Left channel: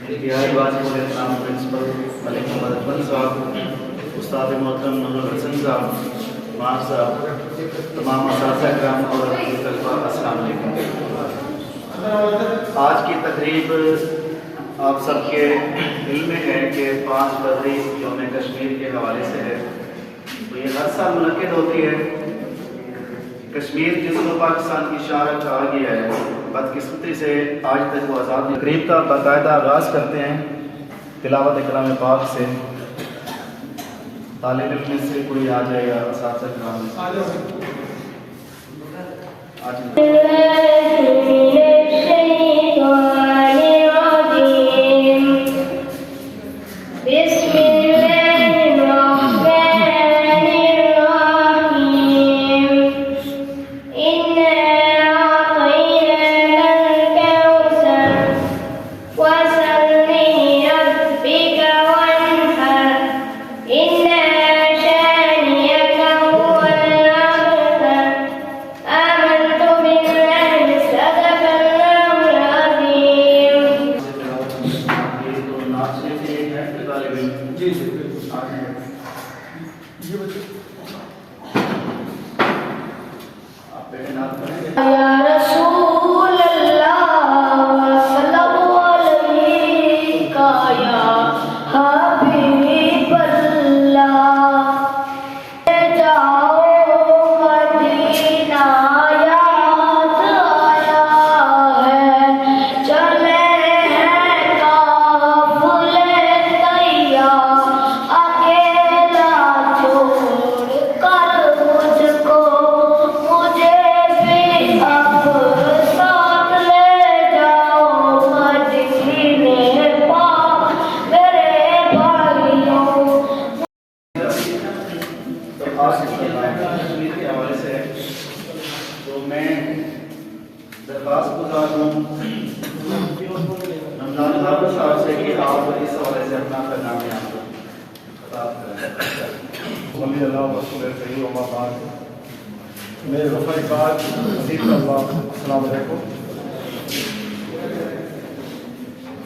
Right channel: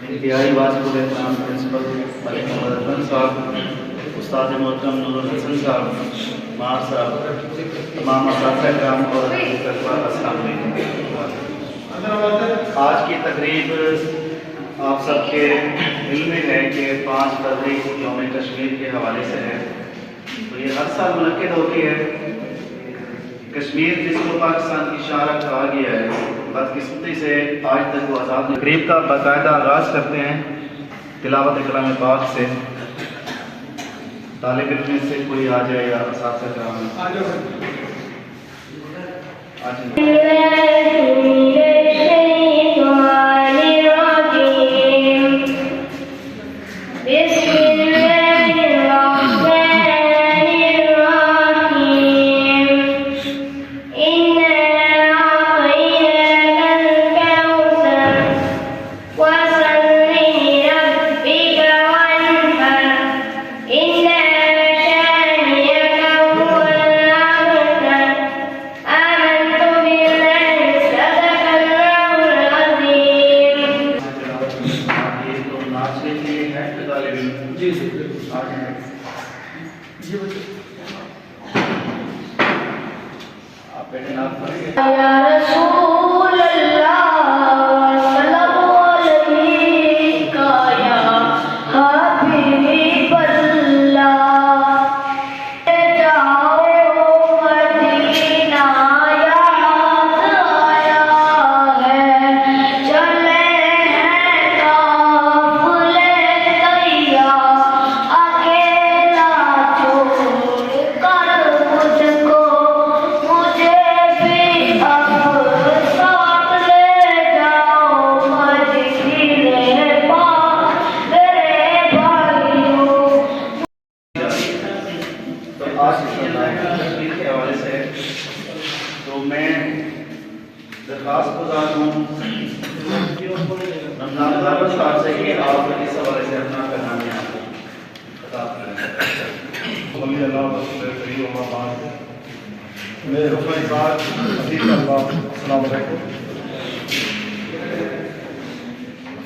इंतहाई वाजिब एहतराम प्रिंसिपल मलिक मोहम्मद अफजल साहब, उस्ताद मोहतरम नूरुल हसन साहब, मार साहब, तमाम असातिज़ा किराम और अस्सलाम वालेकुम। आज की तकरीब आप सबके दिल में है कि 5 फरवरी यौम कश्मीर के हवाले से है। तो ये हर साल मुनक्किद होती है। कश्मीर जिसको पाकिस्तान की शान कहा गया है, बदकिस्मती से आज तक वो आज़ाद। तकरीब का बाकायदा आगाज़ करते हैं तिलावत कलाम पाक से। तालिब इल्म में से कोई आ जाए या असातिज़ा किराम आ जाओ।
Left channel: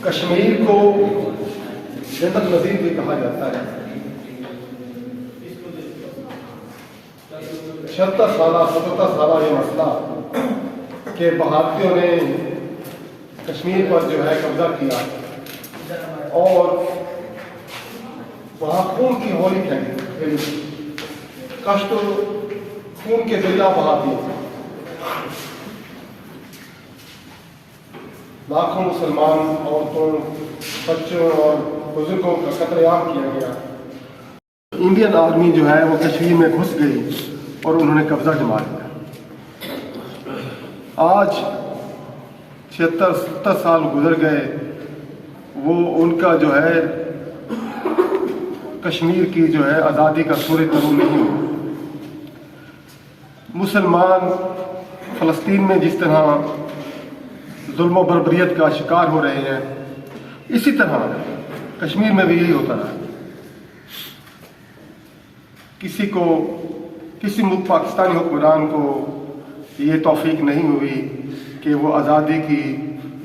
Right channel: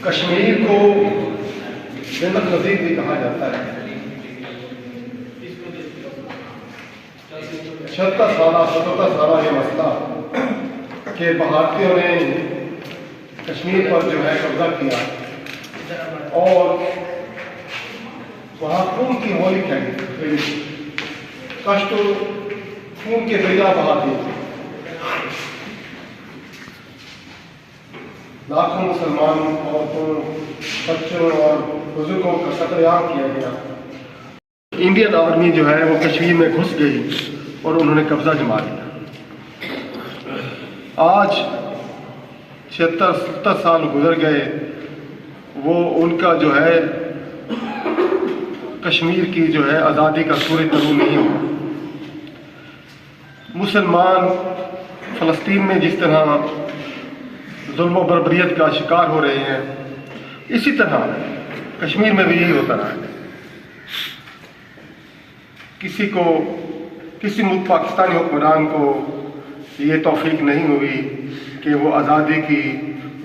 कश्मीर को जन्नत नज़ीर भी कहा जाता है। 70 साल ये मसला कि भारतीयों ने कश्मीर पर जो है कब्जा किया और वहाँ खून की होली खेली, कष्ट खून के दरिया बहा दिए। लाखों मुसलमान औरतों, बच्चों और बुजुर्गों का कत्लेआम किया गया। इंडियन आर्मी जो है वो कश्मीर में घुस गई और उन्होंने कब्जा जमा लिया। आज 76-70 साल गुजर गए, वो उनका जो है कश्मीर की जो है आज़ादी का सूरज तलू नहीं हुआ। मुसलमान फ़लस्तीन में जिस तरह जुल्म और बर्बरियत का शिकार हो रहे हैं, इसी तरह कश्मीर में भी यही होता रहा है। किसी मुल्क पाकिस्तानी हुक्मरान को ये तौफीक नहीं हुई कि वो आज़ादी की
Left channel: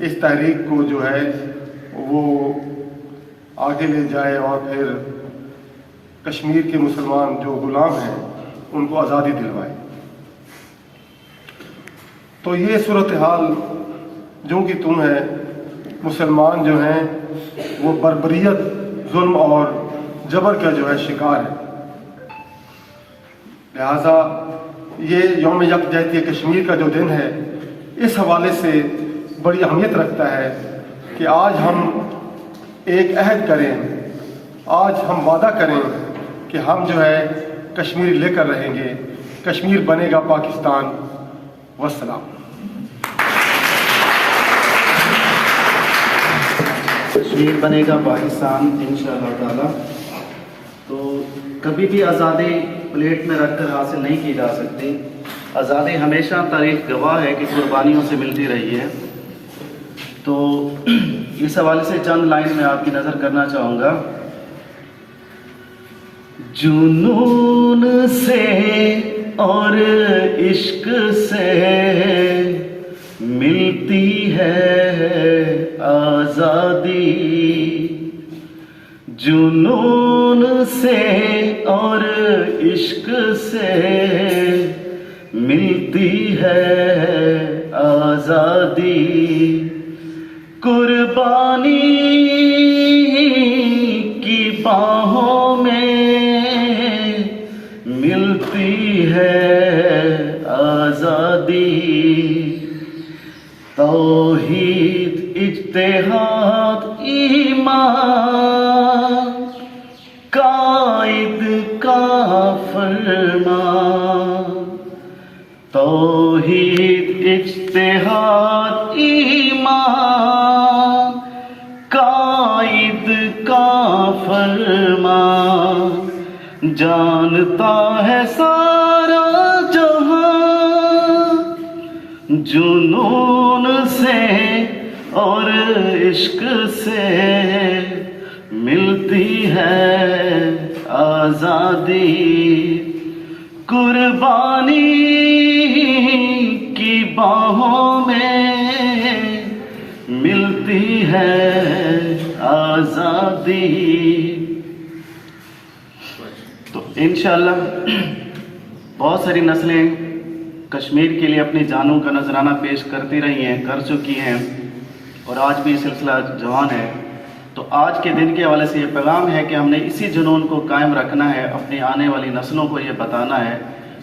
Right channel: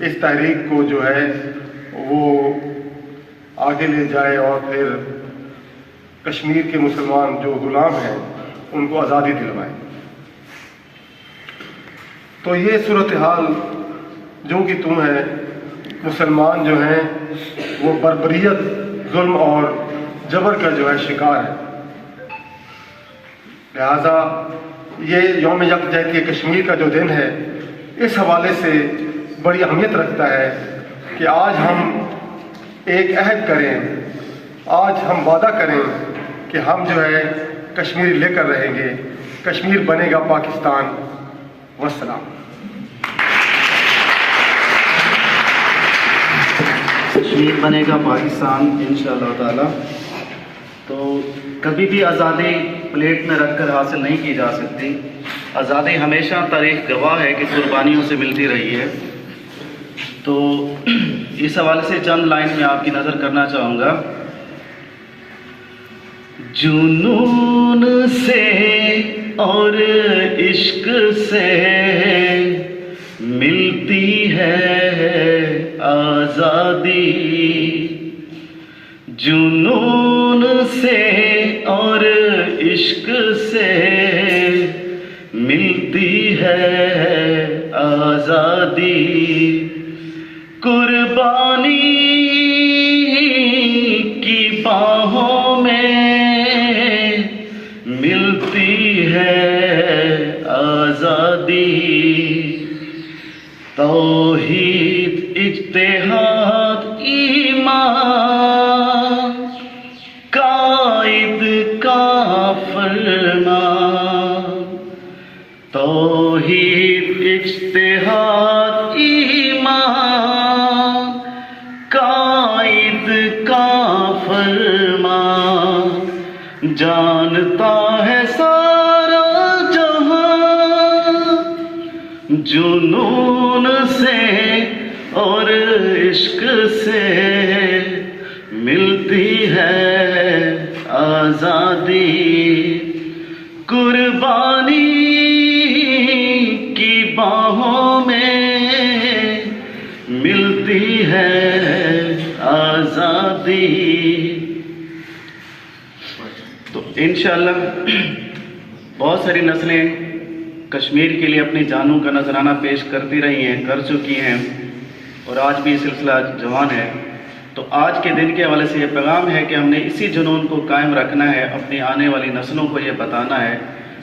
इस तहरीक को जो है वो आगे ले जाए और फिर कश्मीर के मुसलमान जो गुलाम हैं उनको आज़ादी दिलवाए। तो ये सूरत हाल जो कि तुम है, मुसलमान जो हैं वो बर्बरियत, जुल्म और जबर का जो है शिकार है। लिहाजा ये यौम यकजहती कश्मीर का जो दिन है, इस हवाले से बड़ी अहमियत रखता है कि आज हम एक अहद करें, आज हम वादा करें कि हम जो है कश्मीर लेकर रहेंगे। कश्मीर बनेगा पाकिस्तान। वस्सलाम। कश्मीर बनेगा पाकिस्तान इंशाअल्लाह ताला। तो कभी भी आज़ादी प्लेट में रखकर हासिल नहीं की जा सकती। आज़ादी हमेशा तारीख गवाह है कि कुर्बानियों से मिलती रही है। तो इस हवाले से चंद लाइन में आपकी नज़र करना चाहूँगा। जुनून से और इश्क से मिलती है आजादी, जुनून से और इश्क से मिलती है आजादी, कुर्बानी की बाहों में मिलती है आजादी, तौहीद इज्तिहाद ईमान कायद का फरमान, तौहीद इज्तिहाद ईमान कायद का फरमान, जानता है सारा जहां जुनून से और इश्क से मिलती है आजादी, कुर्बानी की बाहों में मिलती है आजादी। तो इंशाअल्लाह बहुत सारी नस्लें कश्मीर के लिए अपनी जानों का नजराना पेश करती रही हैं, कर चुकी हैं, और आज भी सिलसिला जवान है। तो आज के दिन के हवाले से ये पैगाम है कि हमने इसी जुनून को कायम रखना है, अपनी आने वाली नस्लों को ये बताना है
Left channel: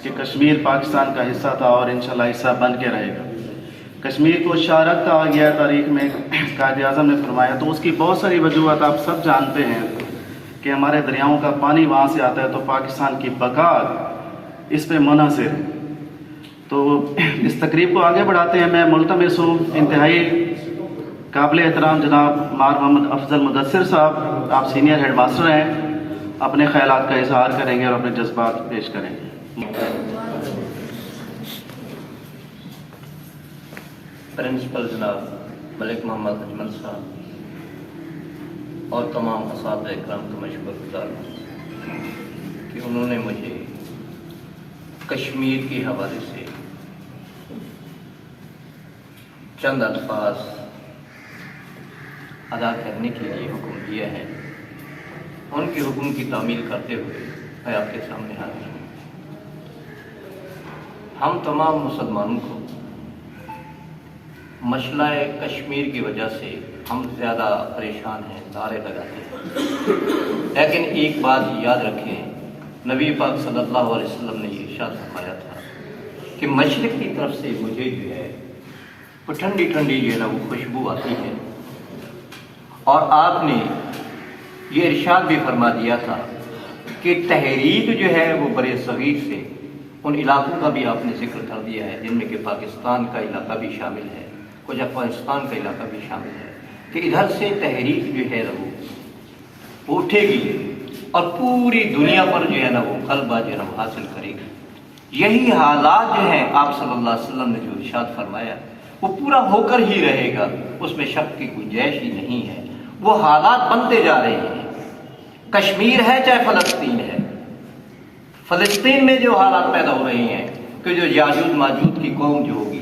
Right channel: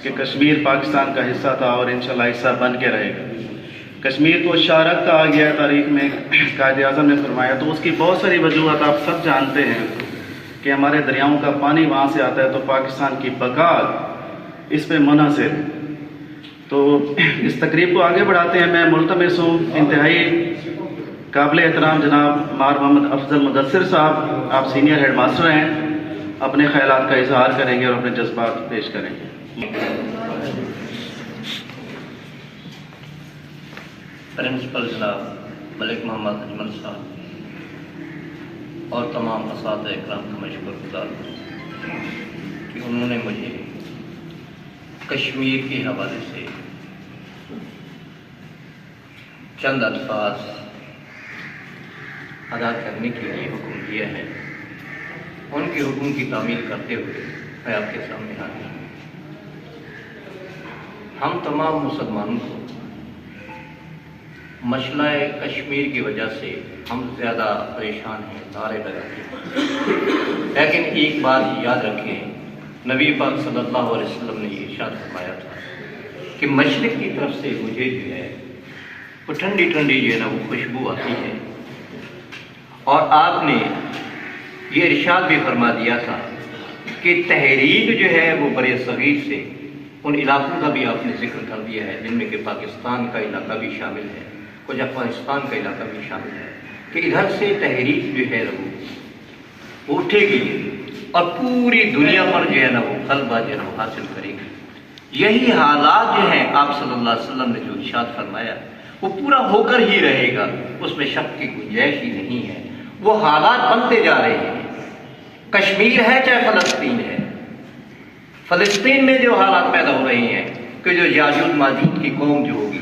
कि कश्मीर पाकिस्तान का हिस्सा था और इंशाल्लाह हिस्सा बन के रहेगा। कश्मीर को शारक कहा गया तारीख में, कायद आज़म ने फरमाया, तो उसकी बहुत सारी वजूहत आप सब जानते हैं कि हमारे दरियाओं का पानी वहाँ से आता है, तो पाकिस्तान की बका इस पे मुनहसर। तो इस तकरीब को आगे बढ़ाते हैं। मैं मुल्तमिस हूँ इंतहाई काबिल एहतराम जनाब मार मोहम्मद अफजल मुदस्सिर साहब, आप सीनियर हेड मास्टर हैं, अपने ख्यालात का इजहार करेंगे और अपने जज्बात पेश करेंगे। प्रिंसिपल जनाब मलिक मोहम्मद अजमल साहब और तमाम असातिज़ा इकराम का मैं शुक्रगुज़ार हूँ कि उन्होंने मुझे कश्मीर के हवाले से चंद अल्फाज अदा करने के लिए हुक्म दिया है। उनके हुक्म की तामील करते हुए मैं आपके सामने हाजिर हूँ। हम तमाम मुसलमानों को मसला कश्मीर की वजह से हम ज़्यादा परेशान हैं, नारे लगाते हैं, लेकिन एक बात याद रखें, नबी पाक सल्लल्लाहु अलैहि वसल्लम ने ये इरशाद फरमाया था कि मशरिक़ की तरफ से मुझे जो है वो ठंडी ठंडी जो है ना वो खुशबू आती है। और आपने ये इरशाद भी फरमा दिया था कि तहरीक जो है वो बड़े सगीर से उन इलाकों का भी आपने जिक्र कर दिया है जिनमें कि पाकिस्तान का इलाका भी शामिल है, कुछ अफगानिस्तान का इलाका भी शामिल है, कि इधर से तहरीक जो है वो उठेगी और पूरी दुनिया पर जो है ना वो गलबा जो है ना वो हासिल करेगी। यही हालात जो हैं आप सल्लल्लाहु अलैहि वसल्लम ने जो इरशाद फरमाया वो पूरा होकर ही रहेगा, उसमें शक की गुंजाइश ही नहीं है। वो हालात बनते जा रहे हैं, कश्मीर है चाहे फलस्तीन है। फलस्तीन में जो हालात पैदा हो रहे हैं कि जो याजूज माजूज की कौम जो होगी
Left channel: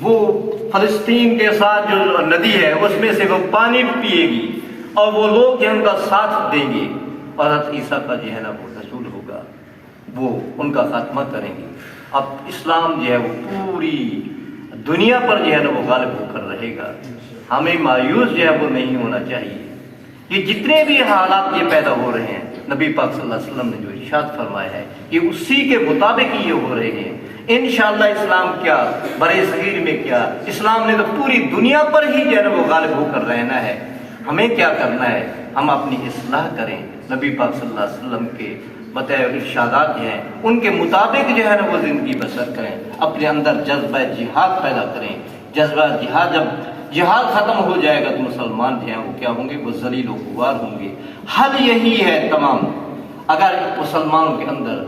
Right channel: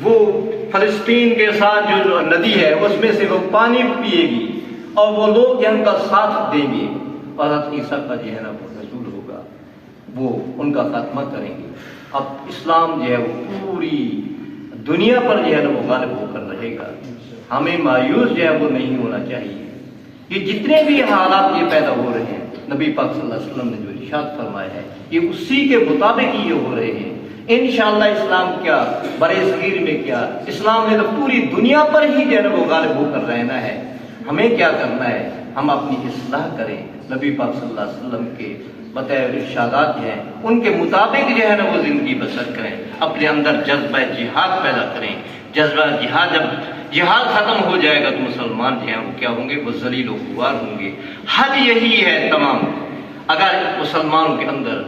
वो फलस्तीन के साथ जो नदी है उसमें से वो पानी पिएगी और वो लोग जो उनका साथ देंगे और हज़रत ईसा का जो है ना वो रसूल होगा, वो उनका खात्मा करेंगे। अब इस्लाम जो है वो पूरी दुनिया पर जो है ना वो गालिब होकर रहेगा। हमें मायूस जो है वो नहीं होना चाहिए। ये जितने भी हालात ये पैदा हो रहे हैं, नबी पाक सल्लल्लाहु अलैहि वसल्लम ने जो इरशाद फरमाया है कि उसी के मुताबिक ये हो रहे हैं। इंशाअल्लाह इस्लाम क्या बड़े सगीर में क्या, इस्लाम ने तो पूरी दुनिया पर ही जो है ना वो गालिब होकर रहना है। हमें क्या करना है, हम अपनी इस्लाह करें, नबी पाक सल्लल्लाहु अलैहि वसल्लम के बताए इरशादात हैं उनके मुताबिक जो है ना वो जिंदगी बसर करें, अपने अंदर जज्बा जिहाद पैदा करें। जज्बा जिहाद, जब जिहाद खत्म हो जाएगा तो मुसलमान जो हैं वो क्या होंगे, वो जलील व खुवार होंगे। हल यही है तमाम, अगर मुसलमानों के अंदर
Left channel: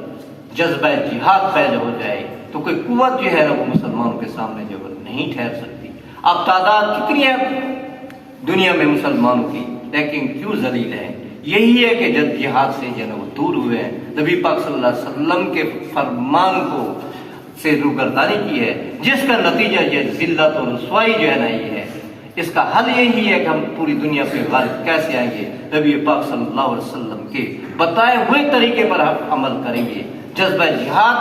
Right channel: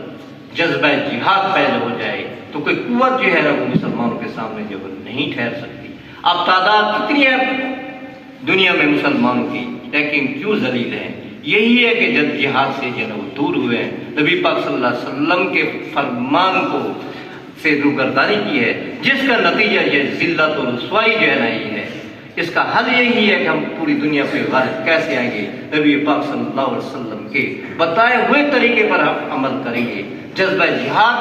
जज्बा जिहाद पैदा हो जाए तो कोई कुव्वत जो है ना वो मुसलमानों के सामने जो है नहीं ठहर सकती। अब तादाद कितनी है दुनिया में मुसलमानों की, लेकिन क्यों जलील है? यही है कि जब जिहाद से जो है वो दूर हुए हैं, नबी पाक सल्लल्लाहु अलैहि वसल्लम के फरमान को से रुगर्दानी की है, जिसका नतीजा ये जिल्लत और रुसवाई जो है ना ये है। इसका हल यही है कि हम पूरी दुनिया पे गालिब कैसे आएंगे, नबी पाक सल्लल्लाहु अलैहि वसल्लम के बताए हुए तरीके पर हम अमल करेंगे, जज्बा जिहाद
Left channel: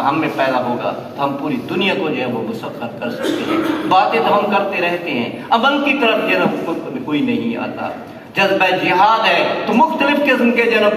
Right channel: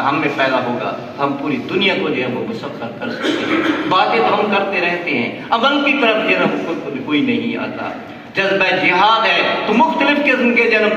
हम में पैदा होगा तो हम पूरी दुनिया को जो है वो मुसख्खर कर सकते हैं। बातें तो हम करते रहते हैं, अमल की तरफ जो है कोई नहीं आता। जज्बा जिहाद है तो मुख्तलिफ किस्म के जन्म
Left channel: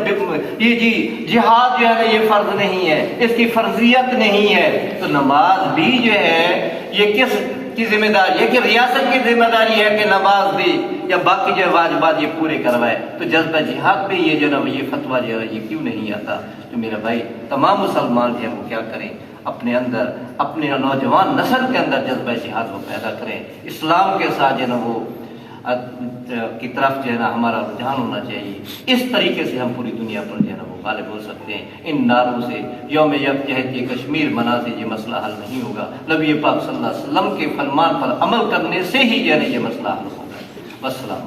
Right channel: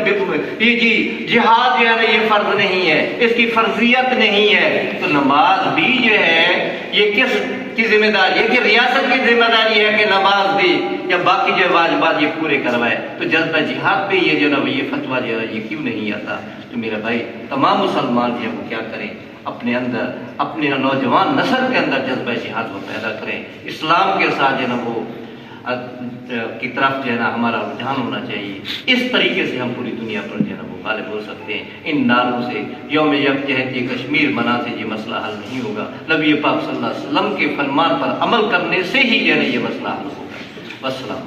ये जी जिहाद जो है ना ये फर्ज नहीं है, इसकी फर्जियत नहीं है। तो नमाज भी जो है ये किस की जिम्मेदारी है कि रियासत की जिम्मेदारी है कि नमाज भी या बाकी जो वाजिबात ये पूरे करवाए। तो जज्बा जिहाद पे ये जो ना ये फतवा जो है ये क्यों नहीं आता? तो मेरा भाई तमाम मुसलमान जो है वो क्या करें, अपने अंदर अपने नौजवान नस्ल के अंदर जज्बा जिहाद वो पैदा करें, इस्लाम के साथ जो ना वो की तरफ जो है ना हमारा रुझान होना चाहिए। इस तरीके से हम पूरी दुनिया पर जो है ना वो गालिब हो सकते हैं। इन नारों से यौम यकजहती कश्मीर मना से ये मसला हल नहीं होगा, नबी पाक सल्लल्लाहु अलैहि वसल्लम के फरमान पर अमल करने से ही जो है ना ये मसला हल होगा। वस्सलाम।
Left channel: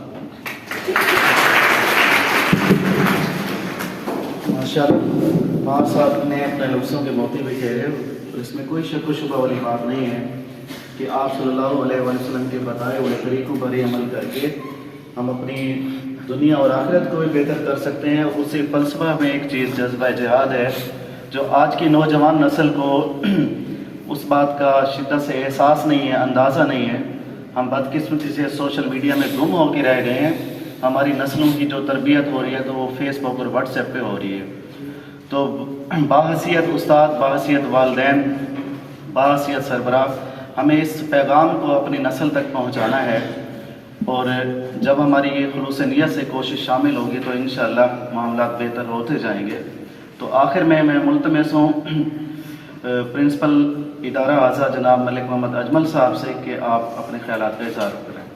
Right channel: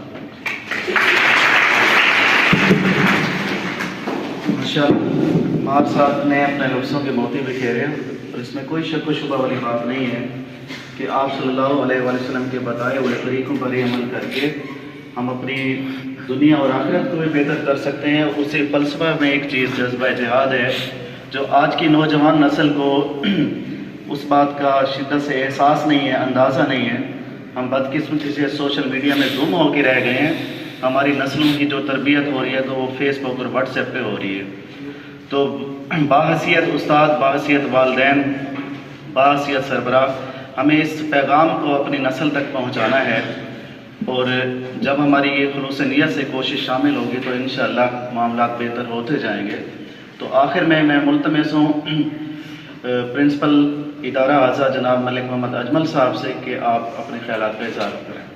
माशाअल्लाह आप साहब ने अपने लफ्ज़ों के मोती भी कह रहे हैं और इसमें कोई शक व शुबा वाली बात नहीं है कि आप सल्लल्लाहु अलैहि वसल्लम के बताए हुए तरीक़ों पर ही अमल करके हम अपनी दुनिया और आखिरत को भी बेहतर कर सकते हैं। उसी फ़लसफ़ा में एक चीज़ जज्बा जिहाद है जो आज की नौजवान नस्ल को उस बात का शिद्दत से एहसास नहीं है, अंदाज़ा नहीं है। हम बदकिस्मती से सोशल मीडिया में गुम होकर रह गए हैं। हमारी नस्लों की जो तरबियत हो रही है तो वो फेसबुक और व्हाट्सएप पे हो रही है। तो बाहसियत उस्ताद, बाहसियत वालिदैन, बाहसियत सरबराह हमें इस पैगाम को अपनी नस्ल तक पहुंचाना है और जब हमारी ये खुलूस नियत से कोशिश शामिल होगी तो इंशाअल्लाह मामलात बेहतर होते जाएंगे। तो आखिर में मैं मुल्तमस हूँ प्रिंसिपल इदारा आज़ा जनाब मलिक मोहम्मद अजमल साहब से कि आप अपने ख्यालात पे इज़हार करें।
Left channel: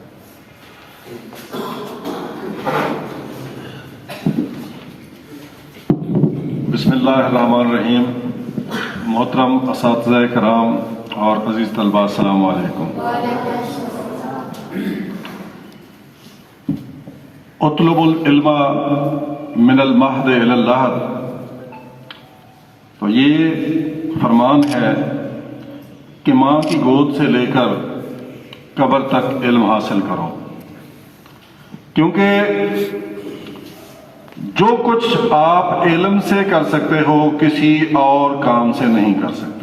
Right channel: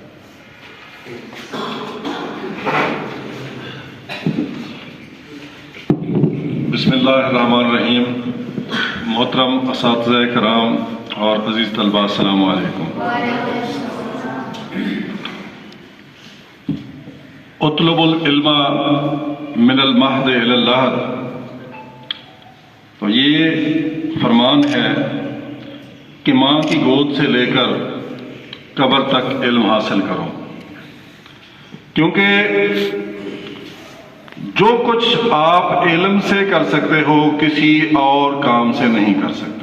बिस्मिल्लाहिर्रहमानिर्रहीम। मोहतरम असातिज़ा कराम और अज़ीज़ तलबा, अस्सलाम वालेकुम। उतलुबुल इल्मा मिनल महद इलल लहद, तो ये फरमान है कि माँ की गोद से लेकर कब्र तक इल्म हासिल करो, क्योंकि जो कुछ आप इल्म से कर सकते हो किसी और काम से नहीं कर सकते।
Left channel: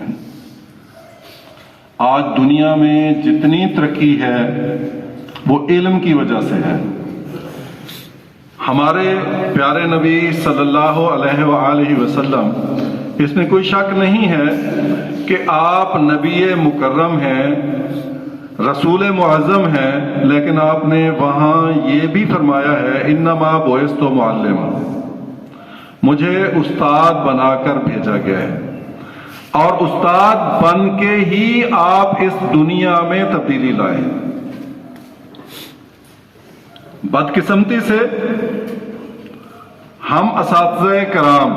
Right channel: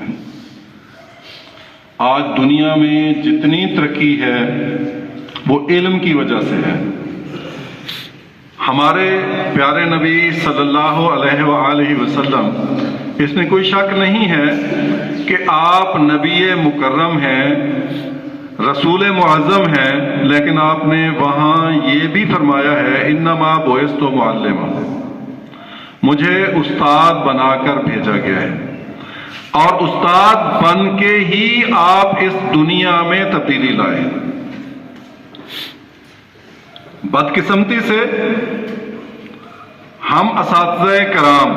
आज दुनिया में जितनी तरक्की है वो इल्म की वजह से है। हमारे प्यारे नबी सल्लल्लाहु अलैहि वसल्लम, इसमें कोई शक नहीं है कि आप नबी मुकर्रम हैं, रसूल मुअज़्ज़म हैं, लेकिन आपने वहाँ ये भी फरमाया है इन्नमा बुइस्तु मुअल्लिमा, मुझे उस्ताद बनाकर भेजा गया है और उस्ताद बन के ही आप इस दुनिया में तब्दीली लाए। बदकिस्मती से हम असातिज़ा कराम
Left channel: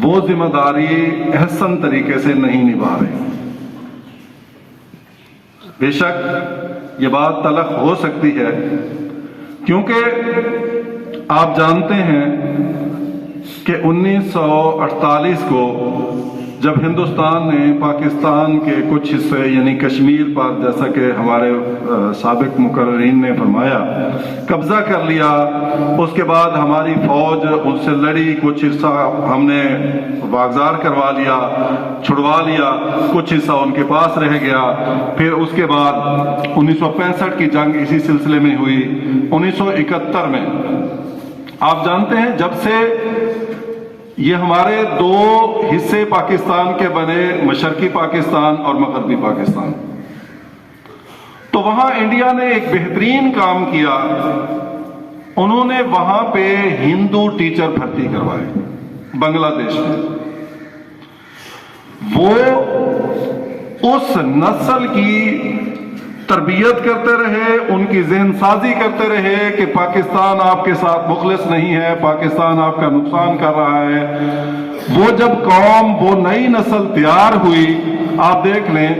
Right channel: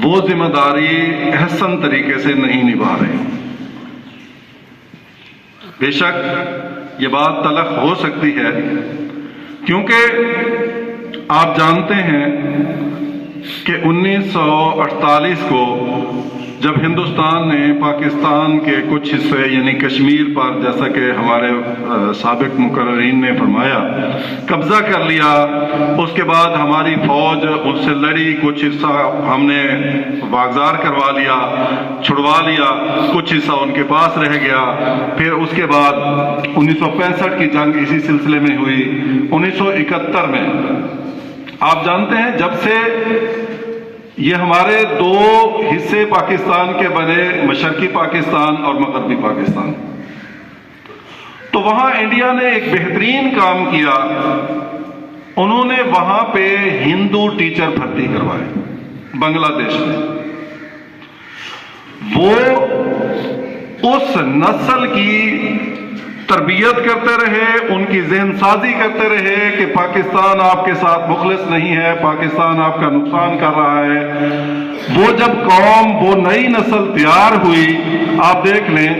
वो जिम्मेदारी अहसन तरीके से नहीं निभा रहे। बेशक ये बात तलख हो सकती है, क्योंकि आप जानते हैं कि 1948 को जब हिंदुस्तान ने पाकिस्तान के कुछ हिस्से यानी कश्मीर पर, जैसा कि हमारे साबिक मुकर्रीन ने फरमाया, कब्जा कर लिया, उसके बाद हमारी फौज उससे लड़ी, कुछ हिस्सा हमने बागजार करवा लिया, छुड़वा लिया, कुछ हिस्सा उनके पास रह गया। फिर उसके बाद 1965 की जंग इसी सिलसिले में हुई। 1971 में आप जानते हैं जब से ये हमारे दो हिस्से पाकिस्तान के बने, मशरकी पाकिस्तान और मगरबी पाकिस्तान, तो वहां इंडिया ने एक बेहतरीन काम किया। उन्होंने वहां पे हिंदू टीचर भर्ती करवाए बांग्लादेश में। वो उस नस्ल की तरबियत करते रहे, उनकी ज़हन साजी करते रहे कि पाकिस्तान आपके साथ मुखलिस नहीं है, पाकिस्तान आपका नुकसान कर रहा है। वो जब कौम, वो नई नस्ल तैयार हुई, आप देख लें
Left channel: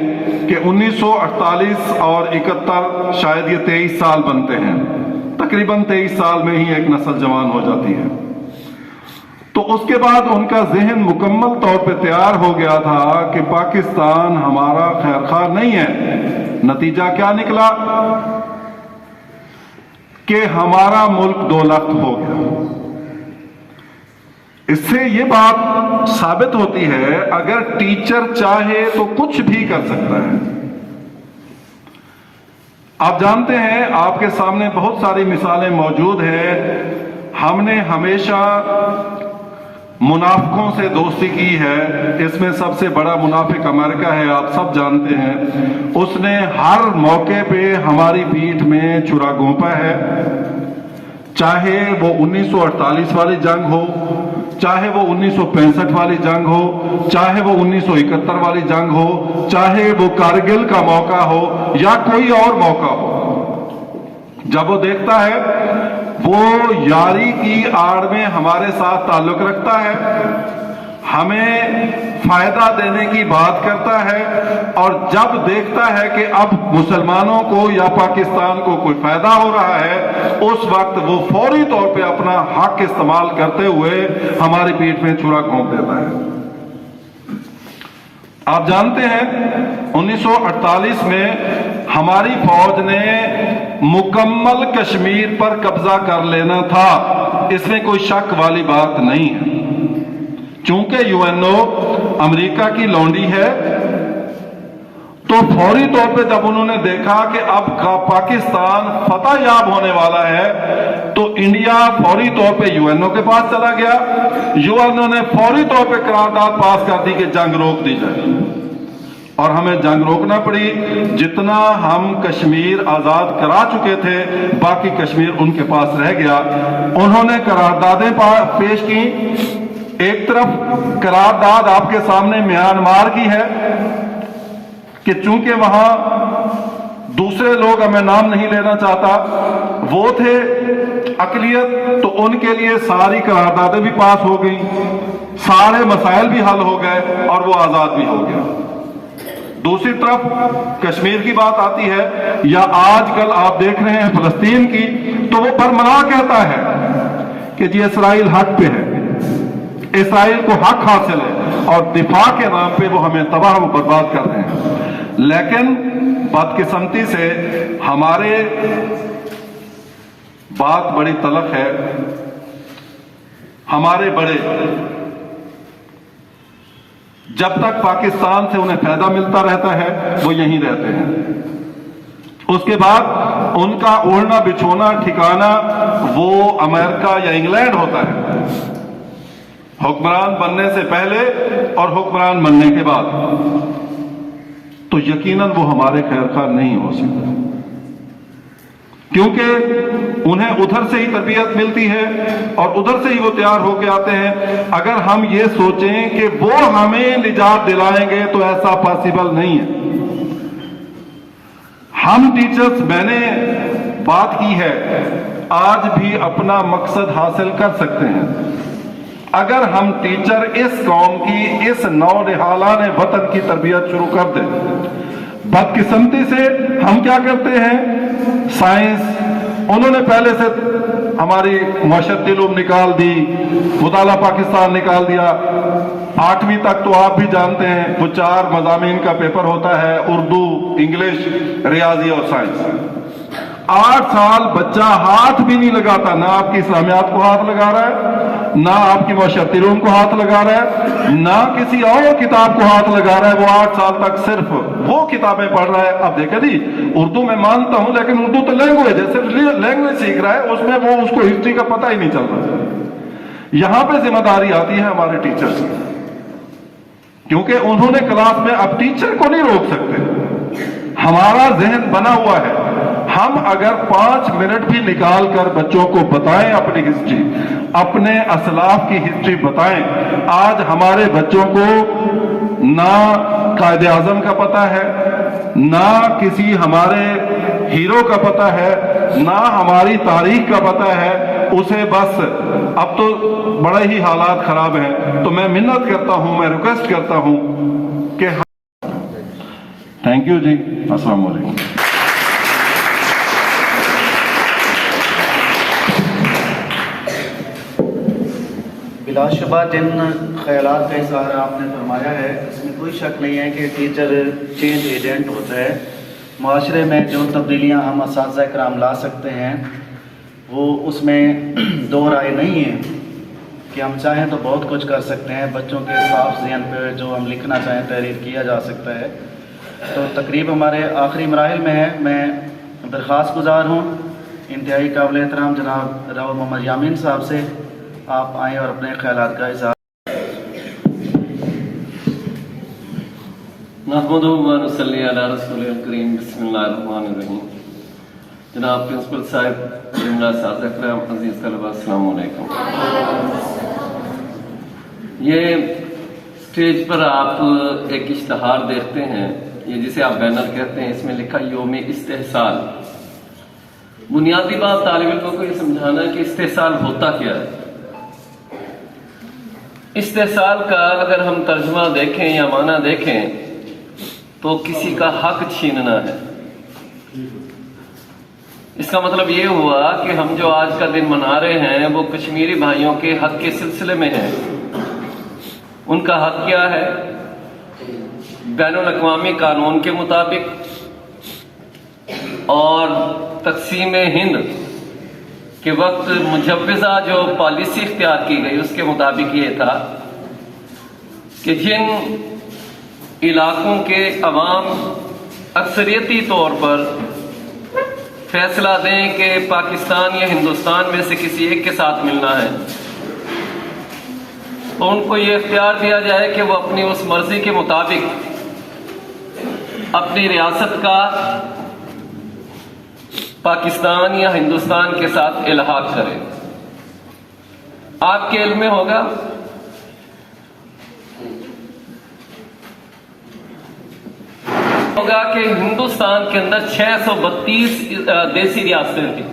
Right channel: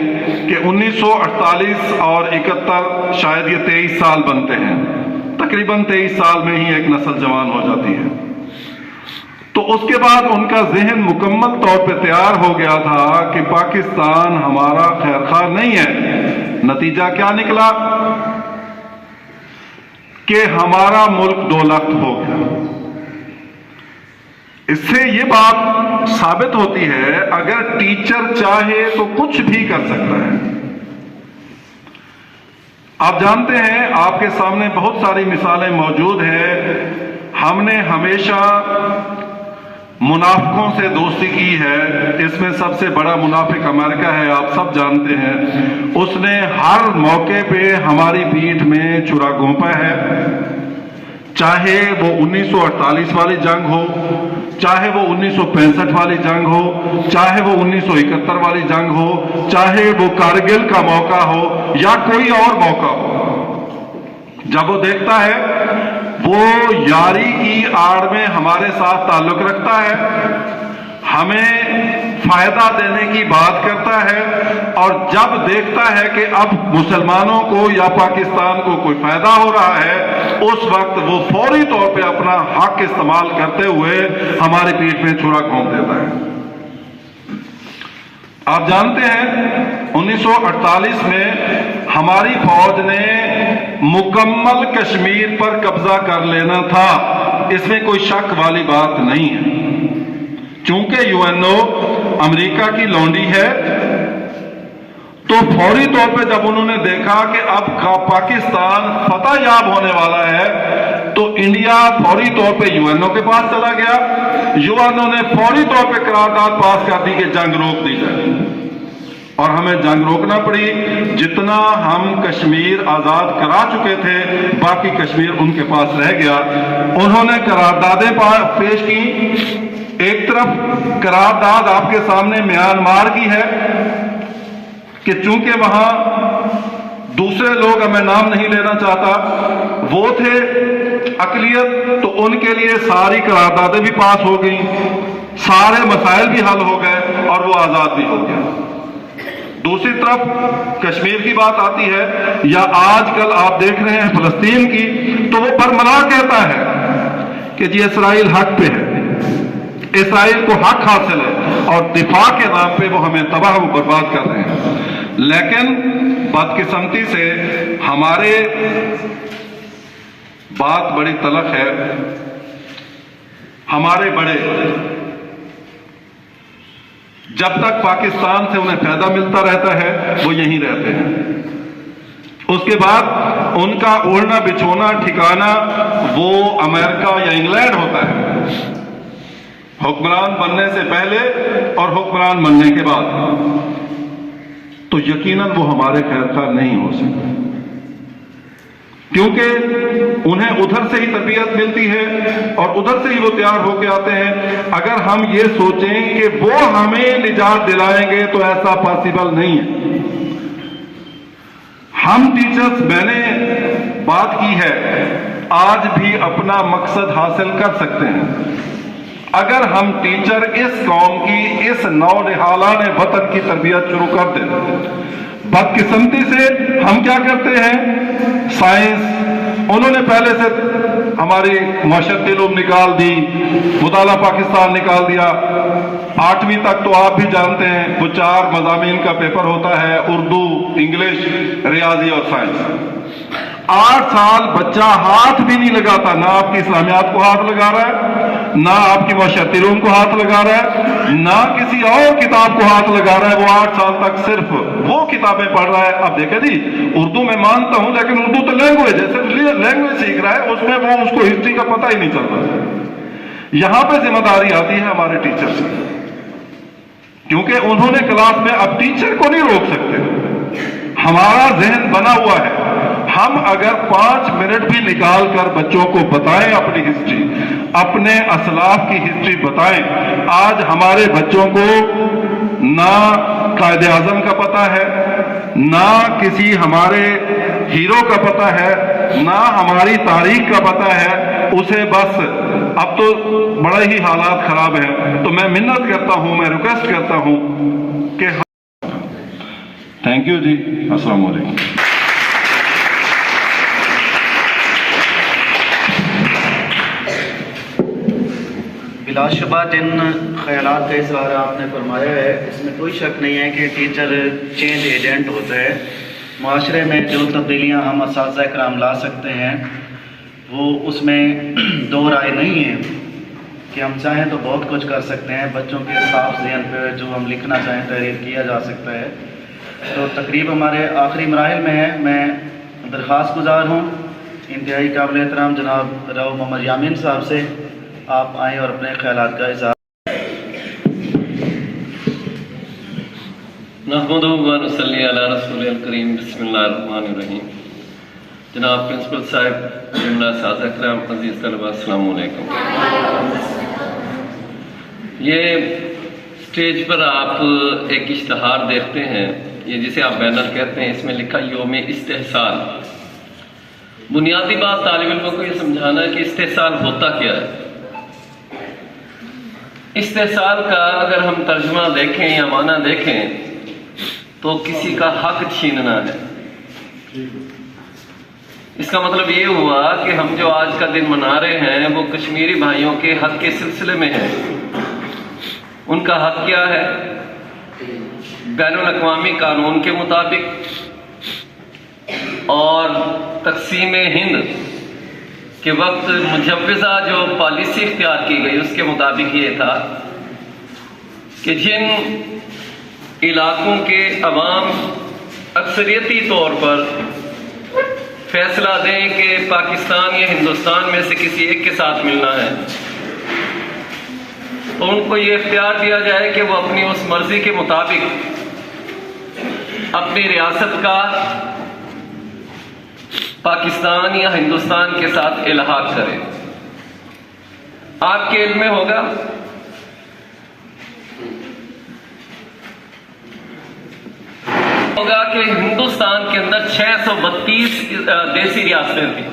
कि 1948 और 71 शायद ये 23 साल बनते हैं, तकरीबन 23 साल में ही एक नस्ल जवान हो जाती है। तो उसके बाद उनका ज़हन मुकम्मल तौर पे तैयार हो गया था कि पाकिस्तान हमारा खैरखा नहीं है, नतीजा क्या निकला कि हमारा मुल्क 2 लाख हो गया। इससे ये बात साबित होती है, अगर टीचर चाहे तो कुछ भी कर सकता है। आप जानते हैं, आपके सामने बहुत सारी मिसालें मौजूद हैं। हमने हमेशा मुनाफिकों से दोस्ती की है। इसमें सबसे बड़ा मुनाफिक अमेरिका है, आप सब जानते हैं। उसने हर मौके पे हमारी पीठ में छुरा घोंपा है, चाहे वो 1948 वाली जंग हो, चाहे वो 1965 वाली जंग हो, चाहे वो 1971 वाली जंग हो, चाहे वो कारगिल का मौका हो या कोई और मौका हो। जब वो देखता है, वो यारी की आड़ में हमारे साथ ताल्लुक रखता है, हमें फायदा देने की बात करता है, और जब देखता है कि अब मुसलमानों को या पाकिस्तान को कोई फायदा हो रहा है, उस वक्त वो फौरी तौर पे अपना हक इस्तेमाल करते हुए हमारी पीठ में छुरा घोंप देता है। आप जानते हैं, 1948 में हमारी फौज ने मुकम्मल कश्मीर पर कब्जा कर लेना था, इसमें कोई शक वाली बात नहीं है। चूंकि यूएनओ अमेरिका की लौंडी है, तो फौरी तौर पे जब उन्होंने देखा कि अब पाकिस्तान फतह याब होने वाला है, तो इंडिया फौरी तौर पे यूएनओ के पास चला गया। यूएनओ ने फौरी तौर पे करारदाद पास कर दी कि जंग रोक दी जाए, और हमें जंग रोकना पड़ी। जितना हम कश्मीर आजाद करा चुके थे, बाकी कश्मीर उनके पास रह गया। उन्होंने करारदादें पेश की। एक तरफ करारदाद आपके सामने म्यांमार की है कि चूंकि वहां दूसरे लोग, मैं नाम नहीं लेना चाहता, वो थे अकलियत, तो उनके लिए सारी करारदादें भी पास हो गई, सारे मसाइल भी हल हो गए और वो आजाद भी हो गया। दूसरी तरफ कश्मीर की बात आती है, या आजकल आप देख रहे हैं फलस्तीन की, तो वो बरमला कहता है कि जी इसराइल हक पे है, इसराइल को हक हासिल है, और दिफा के नाम पे वो हमें तबाह व बर्बाद कर रहे हैं। लेकिन बदकिस्मती से हमारे बात बड़ी तलख है, हमारे बड़े जब तक पाकिस्तान से उन्हें फायदा मिलता रहता है, वो यहीं रहते हैं। उसके बाद उनका ओढ़ना बिछोना ठिकाना वो अमेरिका या इंग्लैंड होता है, हुक्मरान बनने से पहले और हुक्मरान बनने के बाद। तो यकीनन वो हमारे खैरखा नहीं हो सकते, क्योंकि उन्हें उधर से ही तरबियत मिलती है और उधर से ही वो तैयार होकर आते हैं। अगर हम ये सोचें कि वो हमें निजात दिलाएंगे, तो ऐसा पॉसिबल नहीं है। हम टीचर्स, मैंने बात की है, आज भी अपना मकसद हासिल कर सकते हैं अगर हम टीचर इस कौम की, इस नौनिहालान वतन की तरबियत शुरू कर दें। बदकिस्मती से हम क्या करते हैं, साइंस, उन्होंने पहले से हमारी माशरती इल्म निकाल दी, मुताला पाकिस्तान निकाल दिया। 8वीं तक तो आप भी जानते हैं, वो 4 मज़ामीन का पेपर होता है, उर्दू, इंग्लिश, रियाजी और साइंस। 8 साल बच्चा हाथ भी नहीं लगाता, ना आपकी इस्लामियात को हाथ लगा रहा है, ना आपकी माशरती इल्म को हाथ लगा रहा है, ना किसी और किताब को हाथ लगा रहा है। वो 8 साल तक सिर्फ वो किताबें पढ़ रहा है। अब देखा जी, उर्दू में मानता हूं, लेकिन उर्दू तो लैंग्वेज है, सिर्फ लैंग्वेज सीख रहा है, उसमें वो उसको हिस्ट्री का पता ही नहीं चल रहा। यहां पे जिम्मेदारी आती है हमारे टीचर्स की, क्योंकि उन्होंने क्लास में, अब टीचर को नहीं रोक सकते, हमारा जहन बना हुआ है। हम अगर 5 मिनट भी निकाल कर बच्चों को बताएं अपनी हिस्ट्री, अपने असलाफ की हिस्ट्री बताएं। आज हमारे बच्चों को ना कायदे आजम का पता है, ना किसी हमारे हीरो का पता है, ना हमारी तारीख का पता है। उसे बस, अब तो बड़े ही हालात खराब हैं, तो मैं मिन्नत करता हूं, मैं रिक्वेस्ट करता हूं कि थैंक यू जी, अस्सलाम वालेकुम। बिलाशुबा जिन ख्यालात का इज़हार आपने फरमाया है, इसमें कोई शक नहीं है कि टीचर चेंज एजेंट होता है। माशरे में जो तब्दीलियाँ हम असातिज़ा कराम ला सकते हैं वो उसमें दो राय नहीं है कि हम चाहें तो बहुत कुछ कर सकते हैं। बच्चों के साफ ज़हन पे जो हम लिखना चाहें तहरीर किया जा सकता है। तो तकरीब हमारे आखिरी मराहिल में है। मैं दरख्वास्त गुजार हूँ इंतहाई काबिल एहतराम जनाब राव मोहम्मद यामीन साहब से, आप आएँ और अपने ख्यालात का इज़हार। नहमदुहु व नसल्ली अला रसूलिल करीम, बिस्मिल्लाहिर रहमानिर रहीम। जनाब प्रिंसिपल साहब, जुमला साज़ा कराम, अज़ीज़ तलबा, अस्सलामु अलैकुम। ये स्टेज पर आप एक इश्तहार देखते हैं, ये जिसे आप बैनर कहते हैं, इसमें लिखा यौम इस्तेहसाल। बुनियादी बात तालिब इल्मों को ये समझाना है कि इस्तेहसाल होता क्या है। इस्तेहसाल का अगर हम तर्जुमा देखें या माना देखें तो किसी का हक छीनना है। इसका मतलब ये हुआ कि हम जो आज का दिन मना रहे हैं वो कश्मीरी भाइयों के हक के सिलसिले में है। उनका हक क्या है? बैनुल-अक़वामी कानून के मुताबिक और तक़सीम हिंद के वक्त मुजव्वज़ा जो पॉलिसी इख्तियार की गई उसके मुताबिक ये था कि जिन इलाकों के अवाम अक्सरियती तौर पर फैसला दें कि पाकिस्तान या हिंदुस्तान में से किसी एक के साथ मिलना है, तो उनको ये इख्तियार दिया जाए कि वो अपनी उस मर्जी के मुताबिक अपनी रियासत का पाकिस्तान या हिंदुस्तान के साथ इल्हाक करें। आपके इल्म में होगा कि हिंदुस्तान के अंदर 632 देसी रियासतें थी।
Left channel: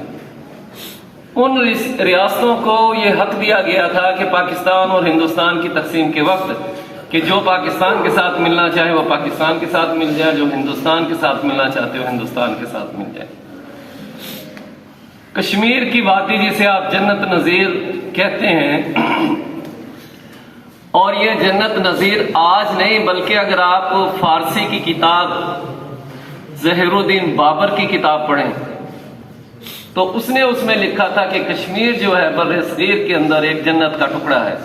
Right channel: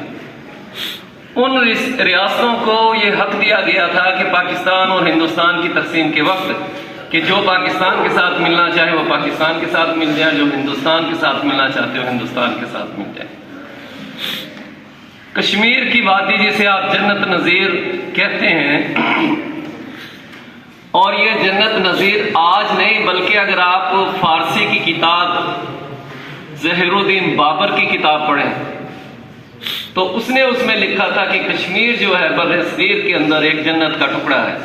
उन रियासतों को यह हक दिया गया था कि पाकिस्तान और हिंदुस्तान की तकसीम के वक्त कि जो पाकिस्तान के साथ मिलना चाहे वो पाकिस्तान के साथ मिल जाए, जो हिंदुस्तान के साथ मिलना चाहते हो हिंदुस्तान के साथ मिल जाए। कश्मीर की वादी जिसे आप जन्नत नज़ीर कहते हैं, और ये जन्नत नज़ीर आज नहीं बल्कि अगर आप फारसी की किताब ज़हीरुद्दीन बाबर की किताब पढ़ें तो उसने उसमें लिखा था कि कश्मीर जो है बर्र-ए-सग़ीर के अंदर एक जन्नत का टुकड़ा है।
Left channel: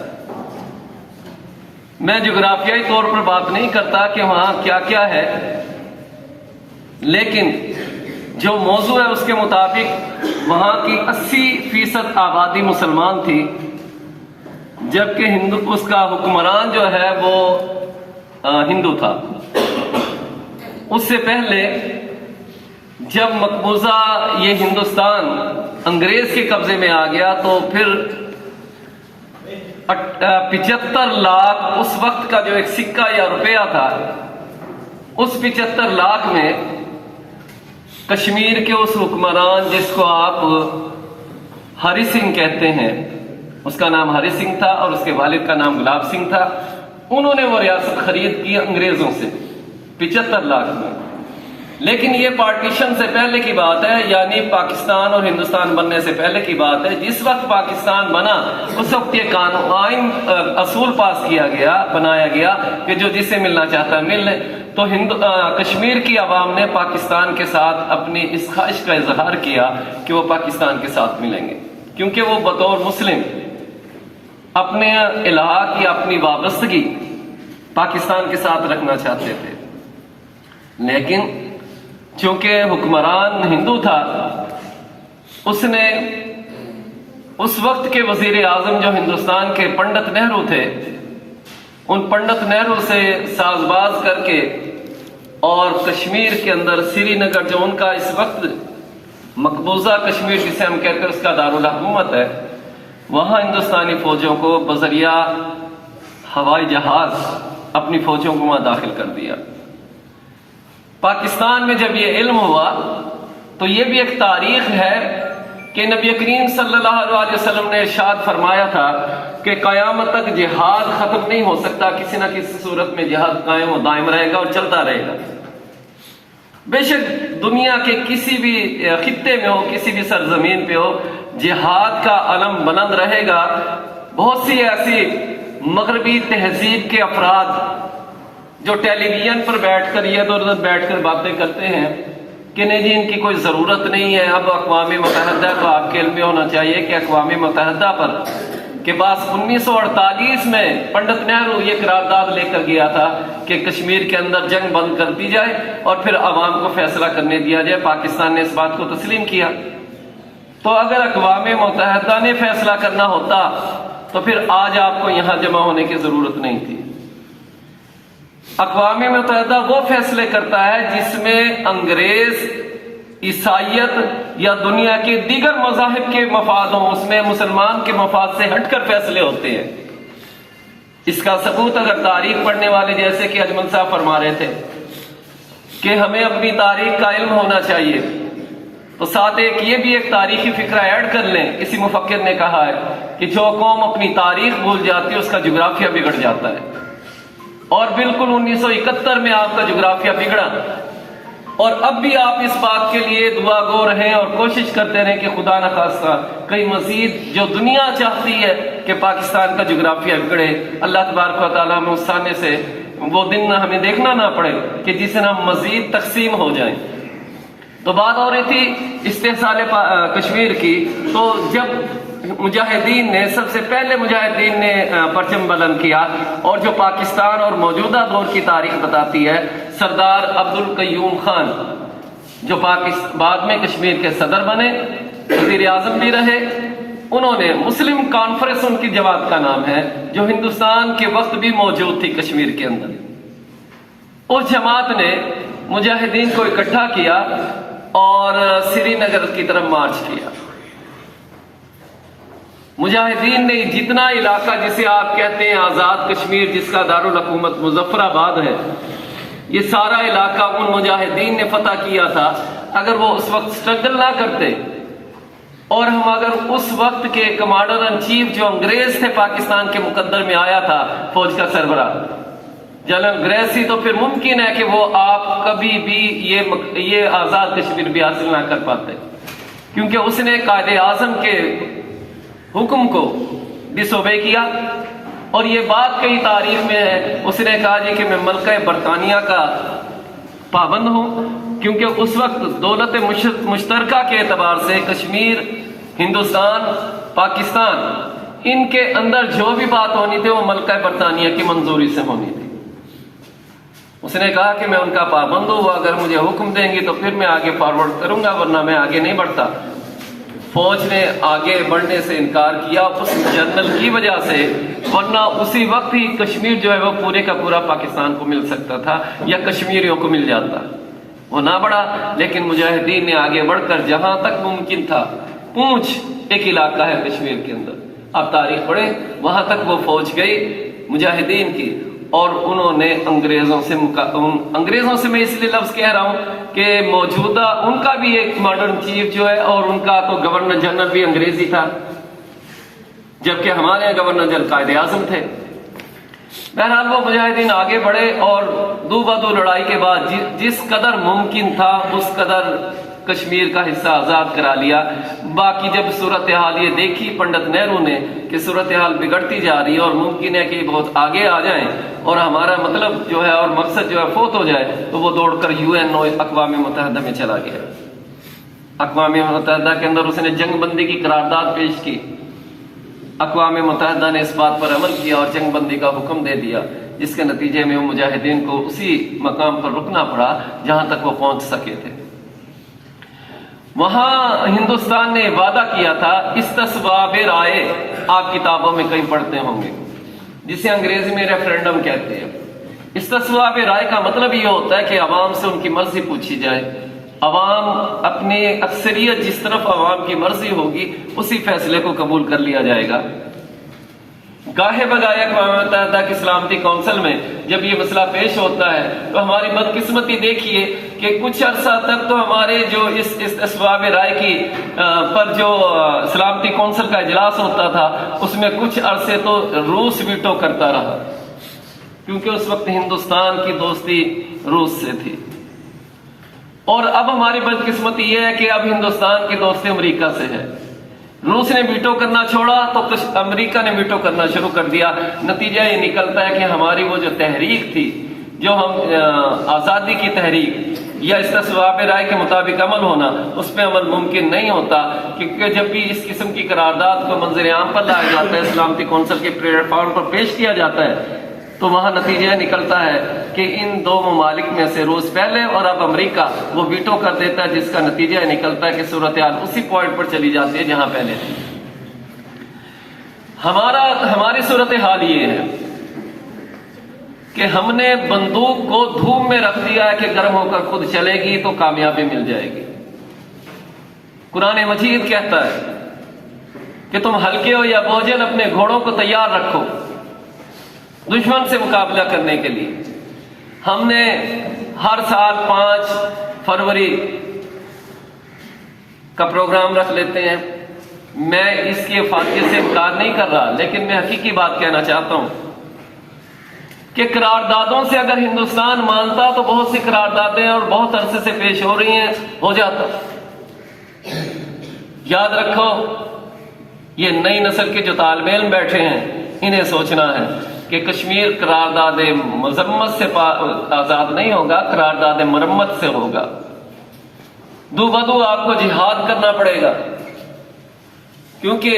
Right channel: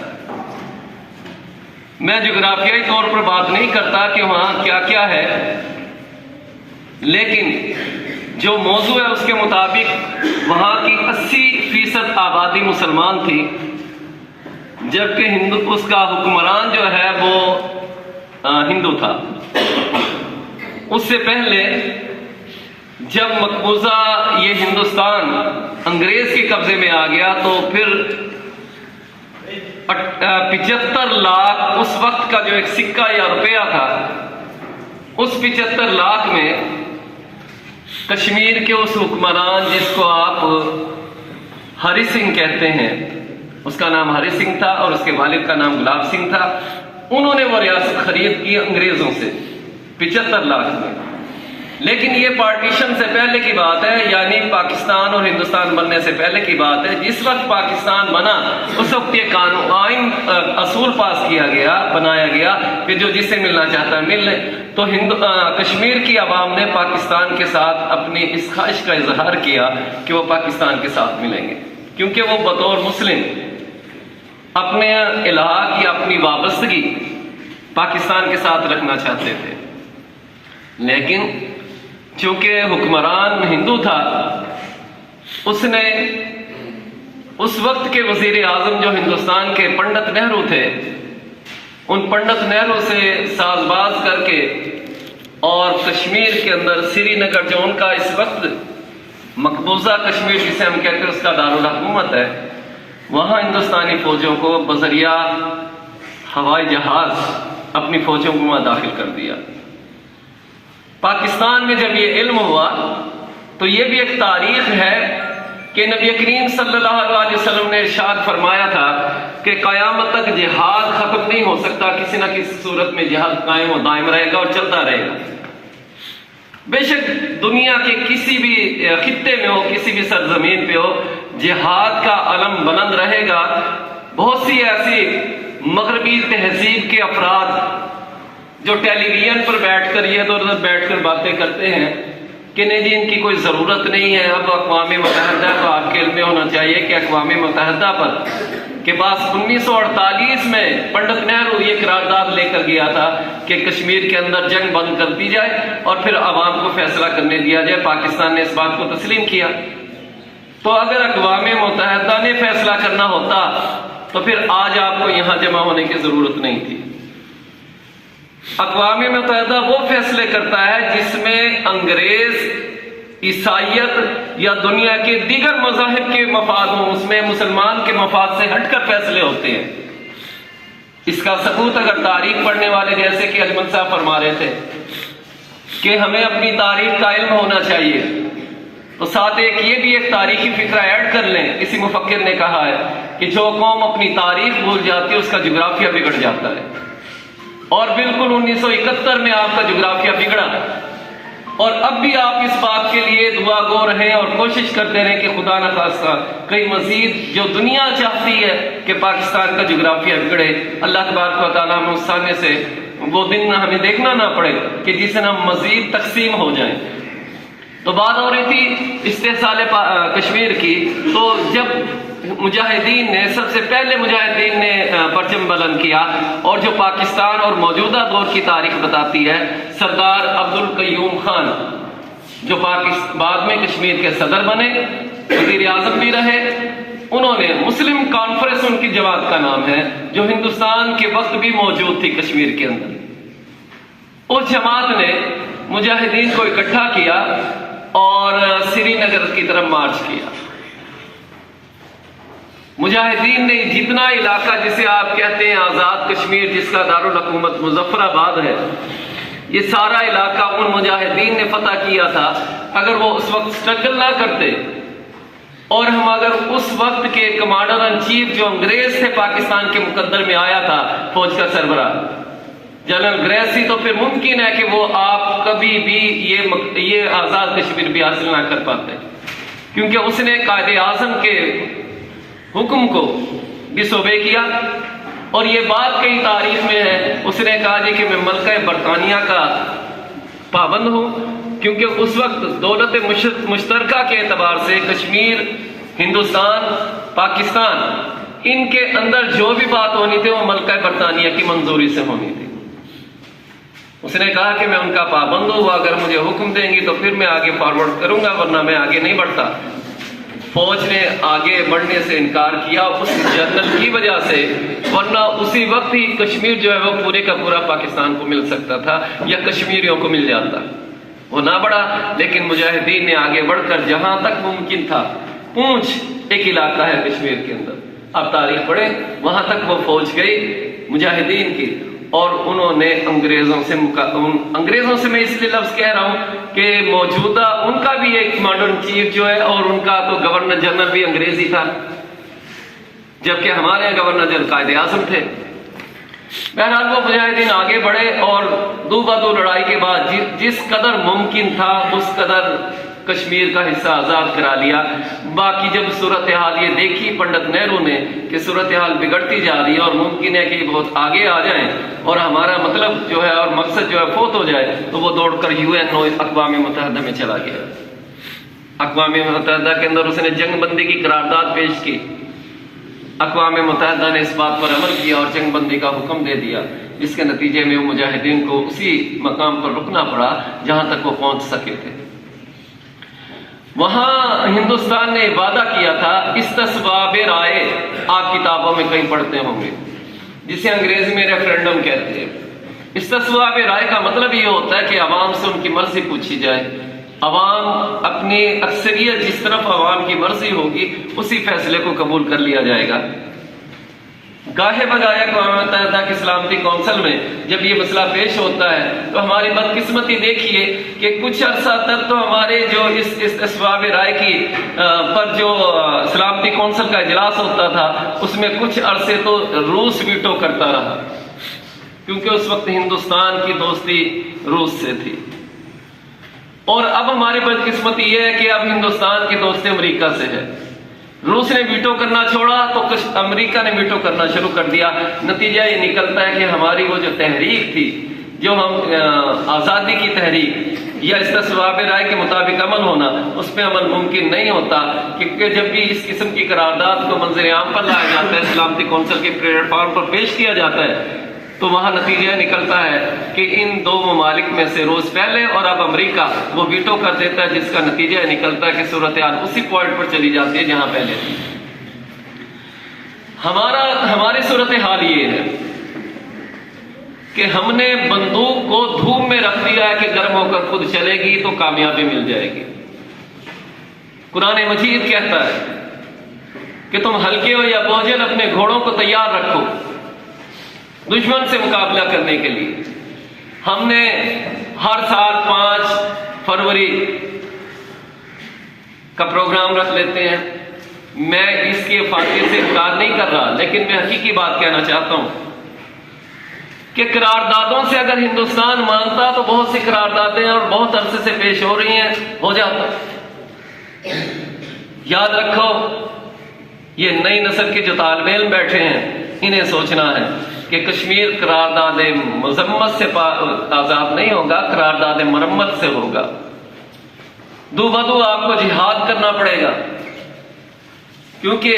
मैं जोग्राफियाई तौर पर बात नहीं करता कि वहां क्या क्या है, लेकिन जो मौजू है उसके मुताबिक वहां की 80% आबादी मुसलमान थी, जबकि उसका हुक्मरान जो है वो हिंदू था। उससे पहले जब मकबूजा ये हिंदुस्तान अंग्रेज के कब्जे में आ गया तो फिर 75 लाख उस वक्त का जो एक सिक्का या रुपया था, उस 75 लाख में कश्मीर के उस हुक्मरान जिसको आप हरि सिंह कहते हैं, उसका नाम हरि सिंह था और उसके वालिद का नाम गुलाब सिंह था, उन्होंने वो रियासत खरीद की अंग्रेजों से 75 लाख में। लेकिन ये पार्टीशन से पहले की बात है, यानी पाकिस्तान और हिंदुस्तान बनने से पहले की बात है। जिस वक्त पाकिस्तान बना उस वक्त ये कानून आइन असूल पास किया गया, बनाया गया कि जो जिसे मिलना चाहता है मिल ले। तो कश्मीर की आवाम ने पाकिस्तान के साथ अपनी इस ख्वाहिश का इजहार किया कि वो पाकिस्तान के साथ मिलेंगे, क्योंकि वो बतौर मुस्लिम अपने इलाहा की अपनी वाबस्तगी पाकिस्तान के साथ रखना चाहते थे। लेकिन चूंकि हुक्मरान हिंदू था, उसने उस वक्त के वजीर आजम जो हिंदुस्तान के पंडित नेहरू थे, उन पंडित नेहरू से साजबाज करके और कश्मीर के अंदर श्रीनगर जो उनका इस वक्त मकबूजा कश्मीर जिसे हम कहते हैं उसका दारुल हुकूमत है, वहां हिंदुस्तानी फौजों को बजरिया हवाई जहाज अपनी फौजों को वहां दाखिल कर दिया। पाकिस्तान में जब ये इल्म हुआ तो ये भी एक तारीख है कि नबी करीम सल्लल्लाहु अलैहि वसल्लम ने इरशाद फरमाया था कि क़यामत तक जिहाद खत्म नहीं हो सकता, किसी न किसी सूरत में जिहाद कायम और दायम रहेगा और चलता रहेगा। बेशक दुनिया के किसी भी खित्ते में हो, किसी भी सरजमीन पे हो, जिहाद का अलम बुलंद रहेगा। बहुत सी ऐसी मगरबी तहजीब के अफराद जो टेलीविजन पर बैठकर इधर उधर बैठकर बातें करते हैं, कि नहीं जी इनकी कोई ज़रूरत नहीं है। अब अक़वाम मुत्तहिदा को आपके इल्म में होना चाहिए कि अक़वाम मुत्तहिदा पर के पास 1948 में पंडित नेहरू ये करारदाद लेकर गया था कि कश्मीर के अंदर जंग बंद कर दी जाए और फिर अवाम को फैसला करने दिया जाए। पाकिस्तान ने इस बात को तस्लीम किया। तो अगर अक़वाम मुत्तहिदा ने फैसला करना होता तो फिर आज आपको यहां जमा होने की जरूरत नहीं थी। अक़वाम मुत्तहिदा वो फैसले करता है जिसमें अंग्रेज, ईसाइयत या दुनिया के दीगर मज़ाहिब के मफाद हों, उसमें मुसलमान के मफाद से हटकर फैसले होते हैं। इसका सबूत अगर तारीख पढ़ने वाले जैसे कि अजमल साहब फरमा रहे थे कि हमें अपनी तारीख का इल्म होना चाहिए, तो साथ एक तारीखी फिक्रा ऐड कर लें। किसी मुफक्किर ने कहा है कि जो कौम अपनी तारीख भूल जाती है उसका जुग्राफिया बिगड़ जाता है। और बिल्कुल 1971 में आपका जुग्राफिया बिगड़ा और अब भी आप इस बात के लिए दुआ गो रहें और कोशिश करते रहें कि खुदा न खास्ता कहीं मजीद जो दुनिया चाहती है कि पाकिस्तान का जुग्राफिया बिगड़े, अल्लाह तबारक व तआला उस सामने से वो दिन हमें देखना ना पड़े कि जिससे हम मजीद तकसीम हो जाएं। तो बात हो रही थी इस्तेहसाल कश्मीर की। तो जब मुजाहिदीन ने सबसे पहले परचम बुलंद किया और जो पाकिस्तान और मौजूदा दौर की तारीख बताती है, सरदार अब्दुल कय्यूम खान जो बाद में कश्मीर के सदर बने, वजीर आजम भी रहे, उन्होंने मुस्लिम कॉन्फ्रेंस, उनकी जमात का नाम है, जो हिंदुस्तान के वक्त भी मौजूद थी कश्मीर के अंदर। उस जमात ने मुजाहिदीन को इकट्ठा किया और श्रीनगर की तरफ मार्च किया। मुजाहिदीन ने जितना इलाका जिसे आप कहते हैं आजाद कश्मीर, जिसका दारुल हुकूमत मुजफ्फराबाद है, ये सारा इलाका उन मुजाहिदीन ने फतह किया था। अगर वो उस वक्त स्ट्रगल ना करते और हम अगर उस वक्त के कमांडर इन चीफ जो अंग्रेज थे पाकिस्तान के मुकद्दर में आया था, फौज का सरबराह जनरल ग्रेसी, तो फिर मुमकिन है कि वो आप कभी भी ये आजाद कश्मीर भी हासिल ना कर पाते, क्योंकि उसने कायदे आजम के हुक्म को डिसोबे किया। और ये बात कई तारीख में है, उसने कहा जी कि मैं मलका बरतानिया का पाबंद हूं, क्योंकि उस वक्त दौलत मुश्तरका के एतबार से कश्मीर, हिंदुस्तान, पाकिस्तान, इनके अंदर जो भी बात होनी थी वो मलका बरतानिया की मंजूरी से होनी थी। उसने कहा कि मैं उनका पाबंद हूं, अगर मुझे हुक्म देंगी तो फिर मैं आगे फॉरवर्ड करूंगा, वरना मैं आगे नहीं बढ़ता। फौज ने आगे बढ़ने से इनकार किया उस जनरल की वजह से, वरना उसी वक्त ही कश्मीर जो है वो पूरे का पूरा पाकिस्तान को मिल सकता था या कश्मीरियों को मिल जाता। वो ना बढ़ा, लेकिन मुजाहिदीन ने आगे बढ़कर जहां तक मुमकिन था, पूंछ एक इलाका है कश्मीर के अंदर, आप तारीख पढ़े, वहां तक वो फौज गई मुजाहिदीन की और उन्होंने अंग्रेजों से मैं इसलिए लफ्ज कह रहा हूं कि मौजूदा उनका भी एक कमांडर इन चीफ जो है और उनका तो गवर्नर जनरल भी अंग्रेजी था, जबकि हमारे गवर्नर जनरल कायदे आजम थे। बहरहाल वो मुजाहिदीन आगे बढ़े और दो बदो लड़ाई के बाद जिस कदर मुमकिन था उस कदर कश्मीर का हिस्सा आजाद करा लिया। बाकी जब सूरत हाल ये देखी पंडित नेहरू ने कि सूरत हाल बिगड़ती जा रही है और मुमकिन है कि बहुत आगे आ जाएं और हमारा मतलब जो है और मकसद जो है फोत हो जाए, तो वो दौड़कर यूएनओ अक़वाम मुत्तहिदा में चला गया। अक़वाम मुत्तहिदा के अंदर उसने जंगबंदी की करारदाद पेश की। अक़वाम मुत्तहिदा ने इस बात पर अमल किया और जंगबंदी का हुक्म दे दिया, जिसके नतीजे में मुजाहिदीन को उसी मकाम पर रुकना पड़ा जहां तक वो पहुंच सके थे। वहां हिंदुस्तान ने वादा किया था, इस्तिस्बाबे राय आप किताबों में कहीं पढ़ते होंगे, जिसे अंग्रेजी में रेफरेंडम कहते हैं। इस्तिस्बाबे राय का मतलब ये होता है कि अवाम से उनकी मर्जी पूछी जाए, अवाम अपनी अक्सरियत जिस तरफ अवाम की मर्जी होगी उसी फैसले को कबूल कर लिया जाएगा। गाहे बगाए अक़वाम मुत्तहिदा की सलामती कौंसिल में जब ये मसला पेश होता है तो हमारी बदकिस्मती देखिए कि कुछ अर्सा तक तो हमारे जो इस इस्तिस्बाब राय की पर जो सलामती कौंसिल का इजलास होता था उसमें कुछ अरसे तो रूस वीटो करता रहा, क्योंकि उस वक्त हिंदुस्तान की दोस्ती रूस से थी। और अब हमारी बदकिस्मती यह है कि अब हिंदुस्तान की दोस्ती अमेरिका से है। रूस ने वीटो करना छोड़ा तो अमेरिका ने वीटो करना शुरू कर दिया। नतीजा ये निकलता है कि हमारी वो जो तहरीक थी, जो हम आज़ादी की तहरीक, या इसका सवाब राय के मुताबिक अमल होना, उस पर अमल मुमकिन नहीं होता। क्योंकि जब भी इस किस्म की करारदाद को मंजर आम पर लाया जाता है, सलामती कौंसिल के प्लेटफॉर्म पर पेश किया जाता है, तो वहां नतीजा निकलता है कि इन दो ममालिक में से रोज पहले और अब अमेरिका वो वीटो कर देता है, जिसका नतीजा निकलता है कि सूरत हाल उसी पॉइंट पर चली जाती है जहां पहले थी। हमारी सूरत हाल ये है कि हमने बंदूक को धूप में रख दिया है कि गर्म होकर खुद चलेगी तो कामयाबी मिल जाएगी। कुरान मजीद कहता है कि तुम हल्के हो या बोझल अपने घोड़ों को तैयार रखो दुश्मन से मुकाबला करने के लिए। हमने हर साल 5 फरवरी का प्रोग्राम रख लेते हैं। मैं इसके फायदे से इनकार नहीं कर रहा, लेकिन मैं हकीकी बात कहना चाहता हूं कि करारदादों से अगर हिंदुस्तान मानता तो बहुत सी करारदादें और बहुत अरसे से पेश हो रही हैं, हो जाता। याद रखो, ये नई नस्ल के जो तालिब इल्म बैठे हैं, इन्हें सोचना है कि कश्मीर करारदाद मजम्मत से आजाद नहीं होगा, करारदाद मरम्मत से होगा। दूबदू आपको जिहाद करना पड़ेगा, क्योंकि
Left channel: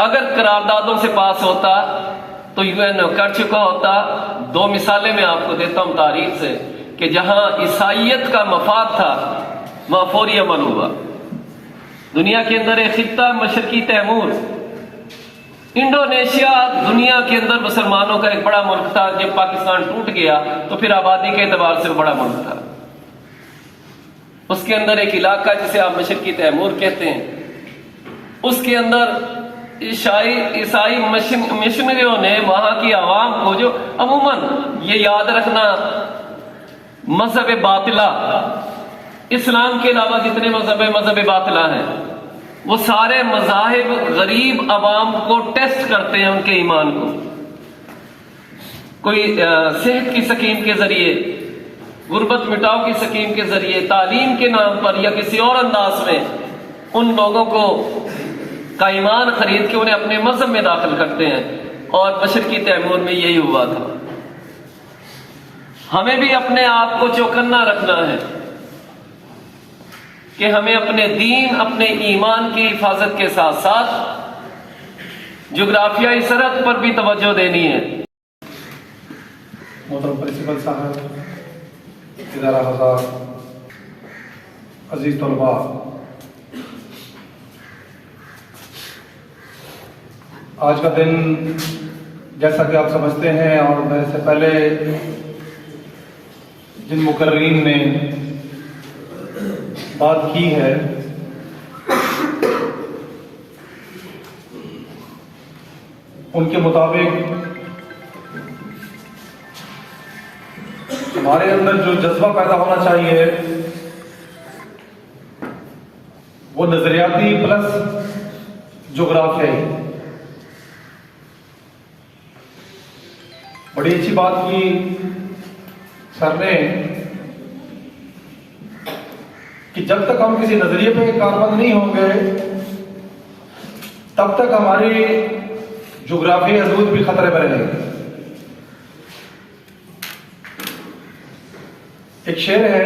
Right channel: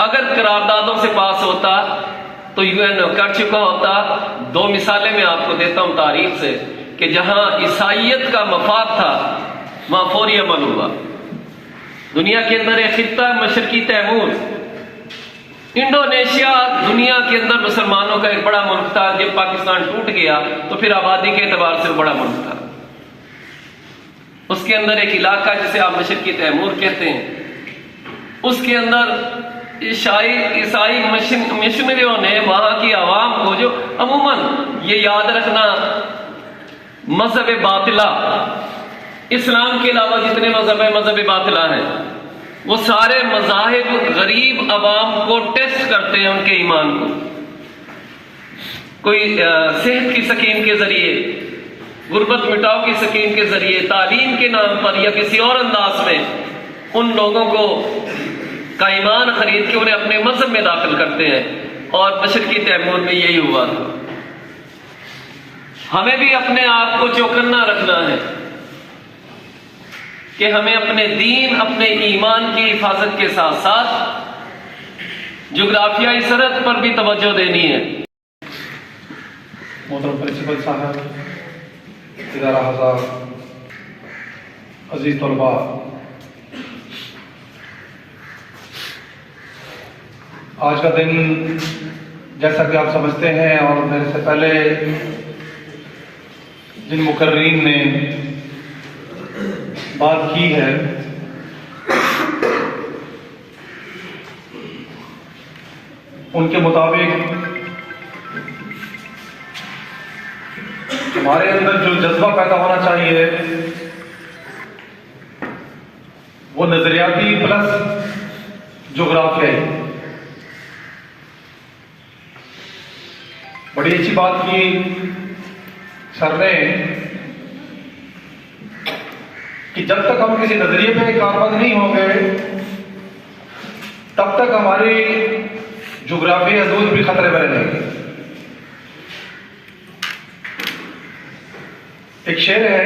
अगर करारदादों से पास होता तो यूएन कर चुका होता। 2 मिसालें मैं आपको देता हूं तारीख से कि जहां ईसाइयत का मफाद था वहां फौरी अमल हुआ। दुनिया के अंदर एक खित्ता मशरकी तैमूर, इंडोनेशिया दुनिया के अंदर मुसलमानों का एक बड़ा मुल्क था। जब पाकिस्तान टूट गया तो फिर आबादी के एतबार से बड़ा मुल्क था। उसके अंदर एक इलाका जिसे आप मशरकी तैमूर कहते हैं, उसके अंदर ईसाई मिशनरियों ने वहां की आवाम को, जो अमूमन ये याद रखना, मजहब बातिला, इस्लाम के अलावा जितने मजहब बातिला हैं, वो सारे मजाहिब गरीब अवाम को टेस्ट करते हैं, उनके ईमान को। कोई सेहत की स्कीम के जरिए, गुर्बत मिटाओ की स्कीम के जरिए, तालीम के नाम पर या किसी और अंदाज में उन लोगों को का ईमान खरीद के उन्हें अपने मजहब में दाखिल करते हैं। और मशरकी तैमूर में यही हुआ था। हमें भी अपने आप को चौकन्ना रखना है कि हमें अपने दीन, अपने ईमान की हिफाजत के साथ साथ जोग्राफियाई सरहद पर भी तवज्जो देनी है। मोहतरम प्रिंसिपल साहब, इदारा हज़ार, अजीज तलबा, आज का दिन जैसा कि आप समझते हैं और मेरे से पहले जिन मुकर्रीन ने बात की है, उनके मुताबिक हमारे अंदर जो जज्बा पैदा होना चाहिए वो नजरियाती प्लस जोग्राफियाई। बड़ी अच्छी बात की सर ने कि जब तक हम किसी नजरिए पे कारबंद नहीं होंगे तब तक हमारी जोग्राफी हदूद भी खतरे में रहेगी। एक शेर है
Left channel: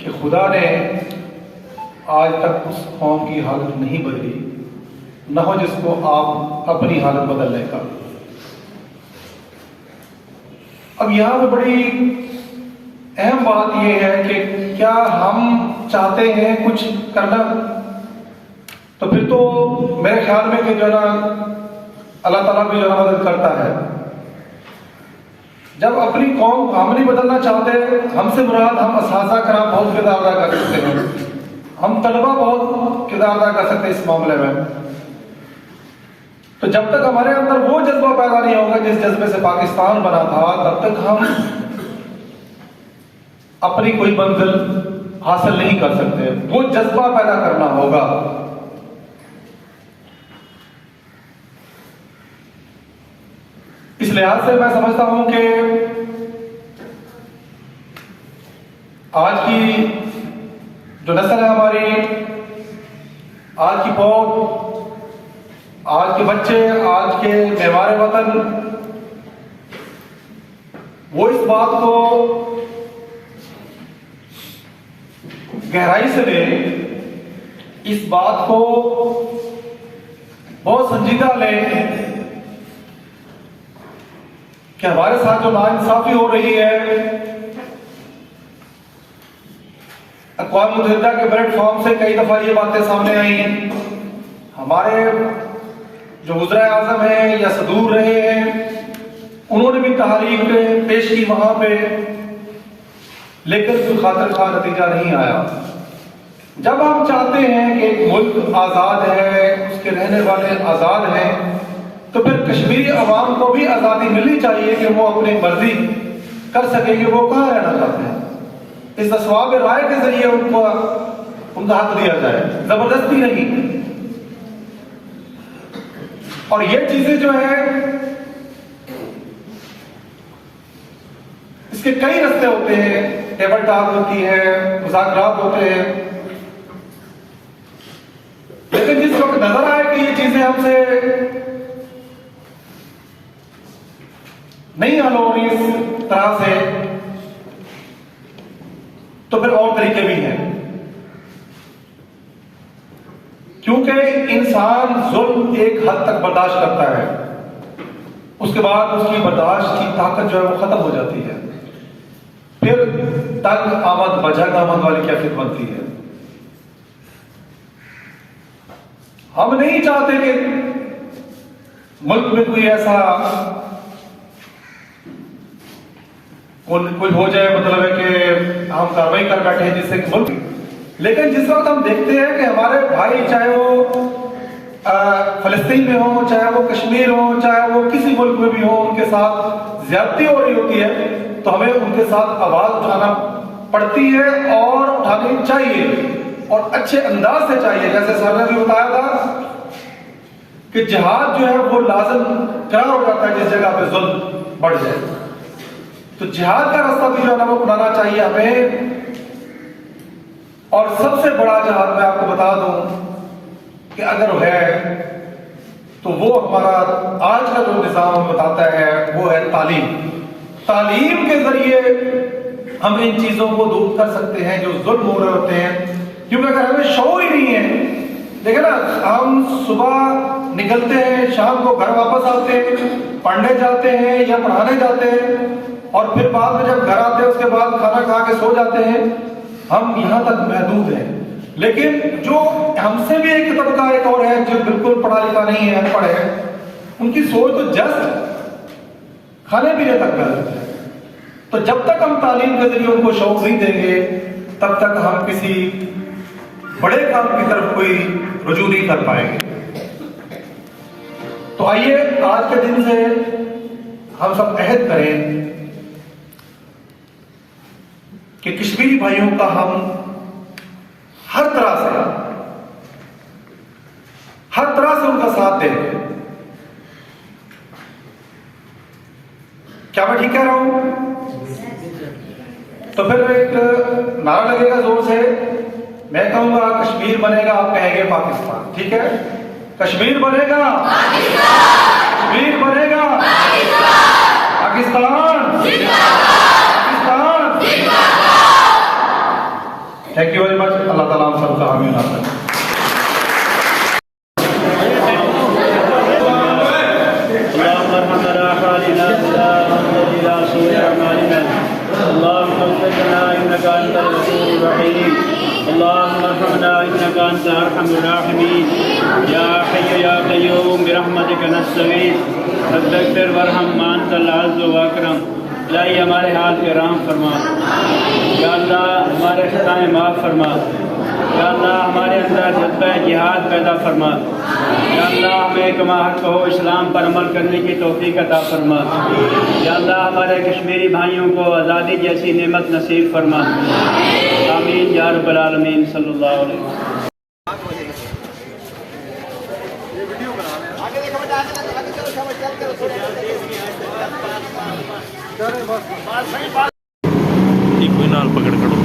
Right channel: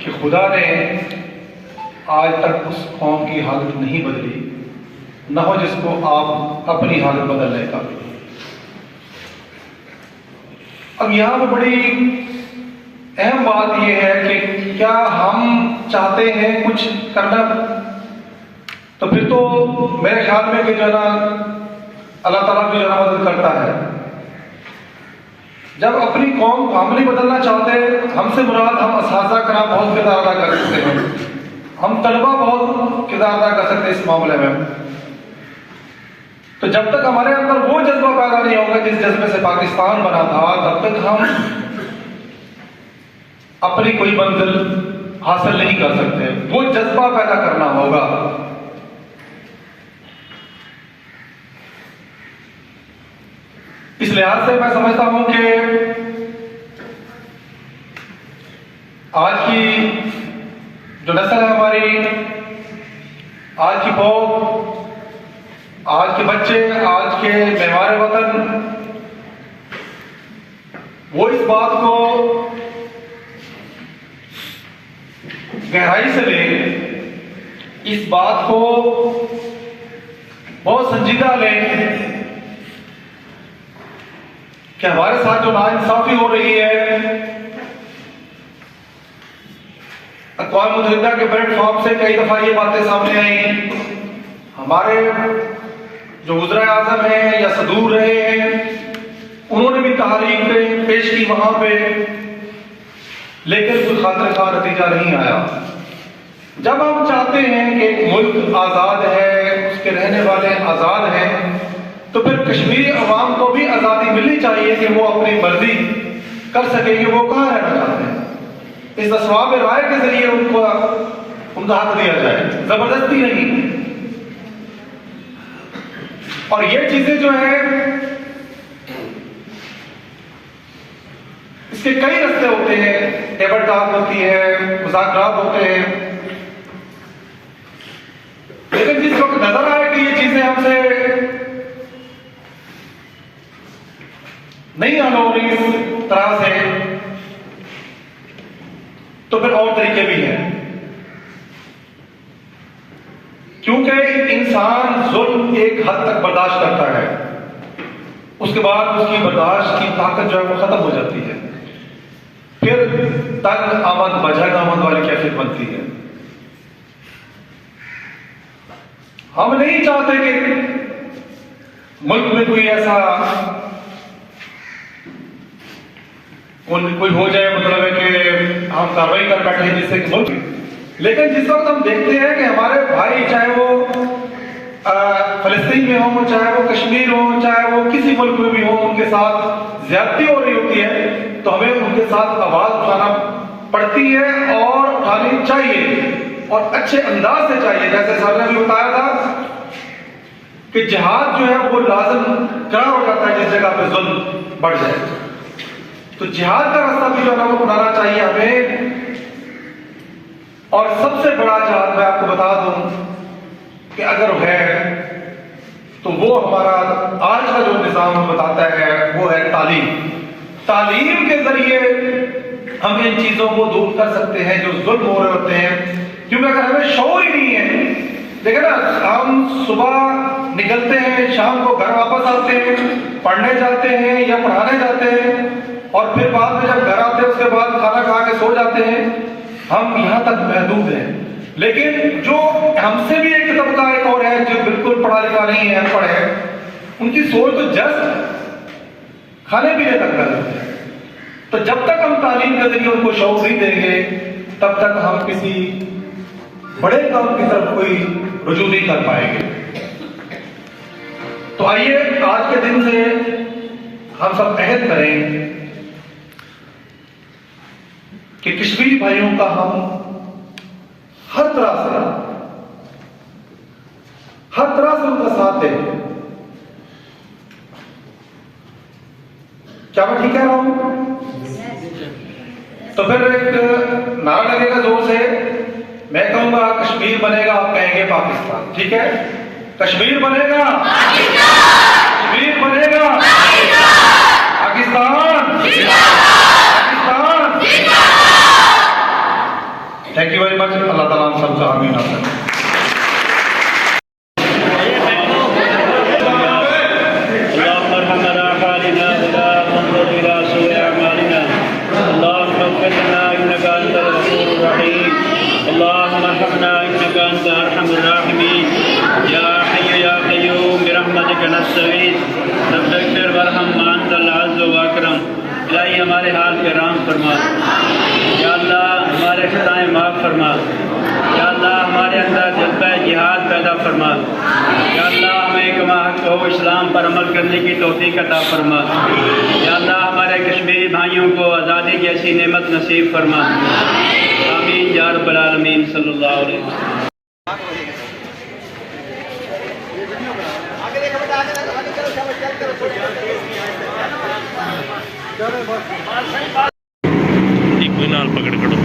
कि खुदा ने आज तक उस कौम की हालत नहीं बदली, न हो जिसको आप अपनी हालत बदलने का। अब यहां पर बड़ी अहम बात यह है कि क्या हम चाहते हैं कुछ करना, तो फिर तो मेरे ख्याल में कि जो ना अल्लाह ताला भी जो मदद करता है। जब अपनी कौम हम नहीं बदलना चाहते, हमसे मुराद हम असासा कराम बहुत किरदार अदा कर सकते हैं, हम तलबा बहुत किरदार अदा कर सकते हैं इस मामले में। तो जब तक हमारे अंदर वो जज्बा पैदा नहीं होगा जिस जज्बे से पाकिस्तान बना था, तब तक हम अपनी कोई मंजिल हासिल नहीं कर सकते। वो जज्बा पैदा करना होगा। इस लिहाज से मैं समझता हूं कि आज की जो नस्ल है हमारी, आज की पौध, आज के बच्चे, आज के मेहमान वतन, वो इस बात को गहराई से लें, इस बात को बहुत संजीदा लें कि हमारे साथ जो नाइंसाफी हो रही है, अक़वाम मुत्तहिदा के प्लेटफॉर्म से कई दफा ये बातें सामने आई, हमारे जो वज़ीर आज़म हैं या सदूर रहे हैं उन्होंने भी तहरीक पेश की वहां पे, लेकिन कोई खातिर खा नतीजा नहीं आया। जब हम चाहते हैं कि एक मुल्क आज़ाद है, उसके रहने वाले आज़ाद हैं, तो फिर कश्मीरी अवाम को भी आज़ादी मिलनी चाहिए कि वो अपनी मर्जी कर सके कि वो कहाँ रहना चाहते हैं। इस असवाब राय के जरिए उनका हक दिया जाए, जबरदस्ती नहीं। और ये चीजें जो है, इसके कई रास्ते होते हैं, टेबल टॉक होती है, मुज़ाकरात होते हैं, लेकिन जिस वक्त नजर आए कि ये चीजें हमसे नहीं हल हो रही इस तरह से, तो फिर और तरीके भी हैं। क्योंकि इंसान जुल्म एक हद तक बर्दाश्त करता है, उसके बाद उसकी बर्दाश्त की ताकत जो है वो खत्म हो जाती है, फिर तंग आमद बजग आमद वाली कैफियत बनती है। हम नहीं चाहते कि मुल्क में कोई ऐसा कोई हो जाए, मतलब है कि हम कार्रवाई कर बैठे हैं जिससे मुल्क, लेकिन जिस वक्त हम देखते हैं कि हमारे भाई, चाहे वो फलस्तीन में हो, चाहे वो कश्मीर हो, चाहे वो किसी मुल्क में भी हो, उनके साथ ज्यादती हो रही होती है, तो हमें उनके साथ आवाज उठाना पड़ती है और उठानी चाहिए, और अच्छे अंदाज से चाहिए। जैसे सर ने भी बताया था कि जिहाद जो है वो लाजम करार हो जाता है जिस जगह पे जुल्म बढ़ जाए, तो जिहाद का रास्ता भी जो है वो अपनाना चाहिए हमें। और सबसे बड़ा जिहाद मैं आपको बता दूं कि अगर है तो वो हमारा आज का जो निज़ाम बताता है वो है तालीम। तालीम के जरिए हम इन चीजों को दूर कर सकते हैं जो जुल्म हो रहे होते हैं, क्योंकि अगर हमें शऊर ही नहीं है, देखिए ना, हम सुबह निकलते हैं, शाम को घर वापस आते हैं, पढ़ने जाते हैं या पढ़ाने जाते हैं, और फिर बाद में जब घर आते हैं उसके बाद खाना खा के सो जाते हैं। हम यहाँ तक महदूद हैं, लेकिन जो हमसे भी एक तबका एक और है जो बिल्कुल पढ़ा लिखा नहीं है, अनपढ़ है, उनकी सोच तो जस्ट खाने पीने तक रहती है। तो जब तक हम तालीम के जरिए उनको शौक नहीं देंगे, तब तक हम किसी बड़े काम की तरफ कोई रुजू नहीं कर पाएंगे। तो आइए आज के दिन से हम सब अहद करें कि कश्मीरी भाइयों का हम हर तरह से उनका साथ दें। क्या मैं ठीक कह रहा हूं? तो फिर एक नारा लगेगा जोर से, मैं कहूंगा कश्मीर बनेगा, आप कहेंगे पाकिस्तान। ठीक है? कश्मीर बनेगा, कश्मीर बनेगा, Pakistan, thank you very much. Allah ताला हम सबका आमीन आमीन। हमारे हाथ के राम फरमा, या अल्लाह हमारे खताएं माफ़ फरमा, या अल्लाह हमारे अंदर जज्बा जिहाद पैदा फरमा, या अल्लाह हमें कमा हक हो इस्लाम पर अमल करने की तौफीक अता फरमा, या अल्लाह हमारे कश्मीरी भाइयों को आज़ादी जैसी नेमत नसीब फरमा। आमीन या रब्बल आलमीन सल्लल्लाहु अलैहि वसल्लम। एक नाल पकड़ करो।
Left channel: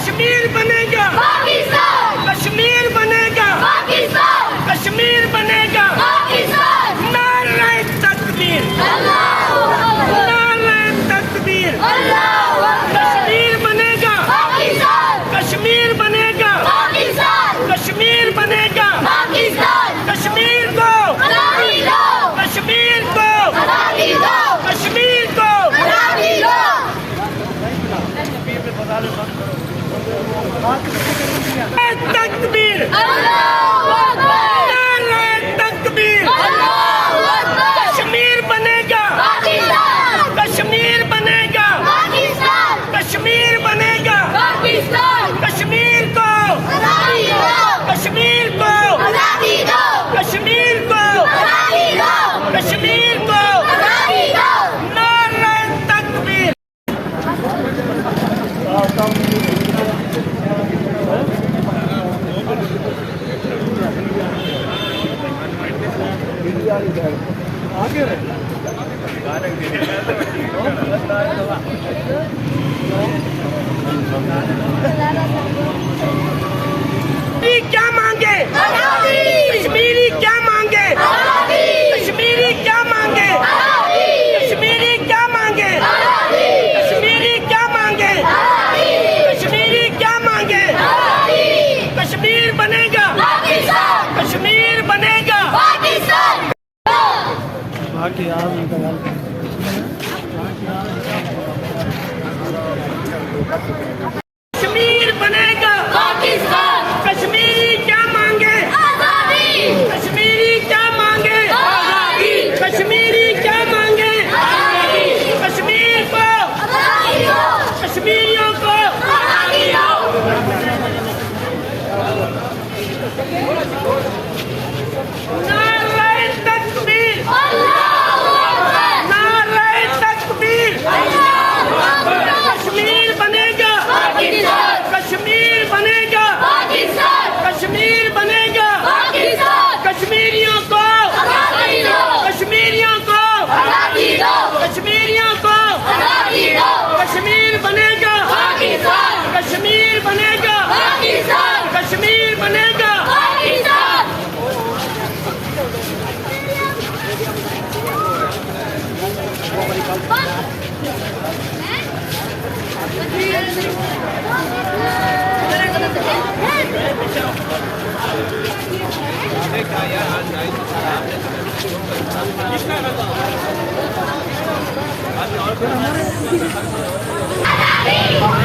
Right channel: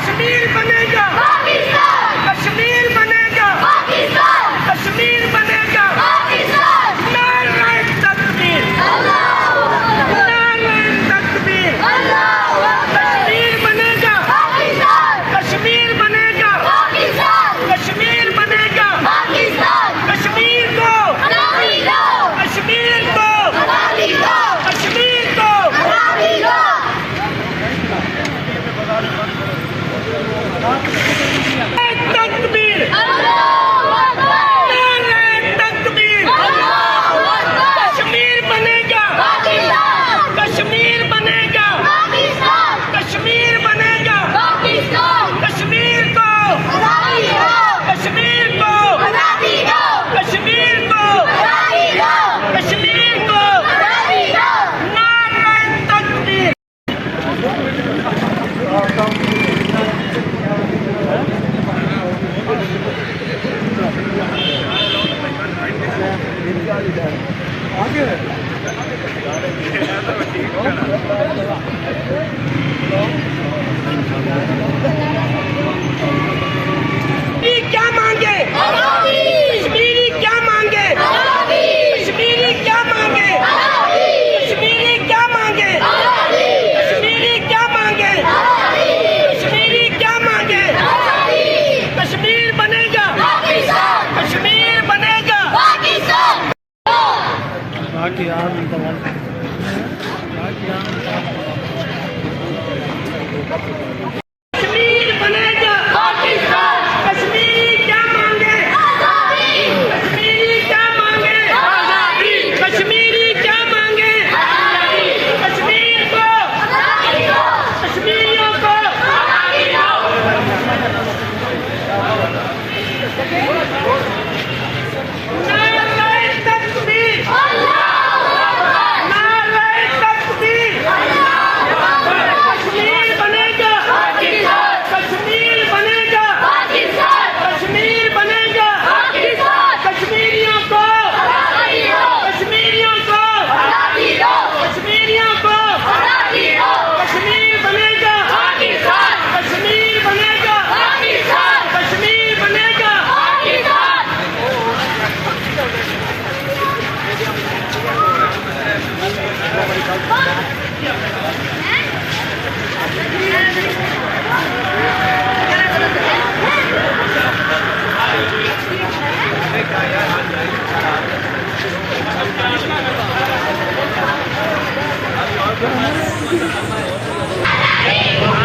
कश्मीर बने क्या मांगे? कश्मीरी क्या मांगे? कश्मीरी क्या मांगे? कश्मीरी क्या मांगे? कश्मीरी क्या मांगे? कश्मीरी क्या मांगे? कश्मीर बनेगा कश्मीर बनेगा बाकी आप कश्मीर बनेगा कश्मीरी क्या मांगे? कश्मीरी क्या मांगे? कश्मीरी क्या मांगे? कश्मीर को कश्मीरियों को नारे तकबीर नारे तकबीर कश्मीर बनेगा कश्मीर बनेगा कश्मीर बनेगा कश्मीरियों को कश्मीरियों को कश्मीरियों को कश्मीर बनेगा कश्मीर बनेगा कश्मीर बनेगा Hey!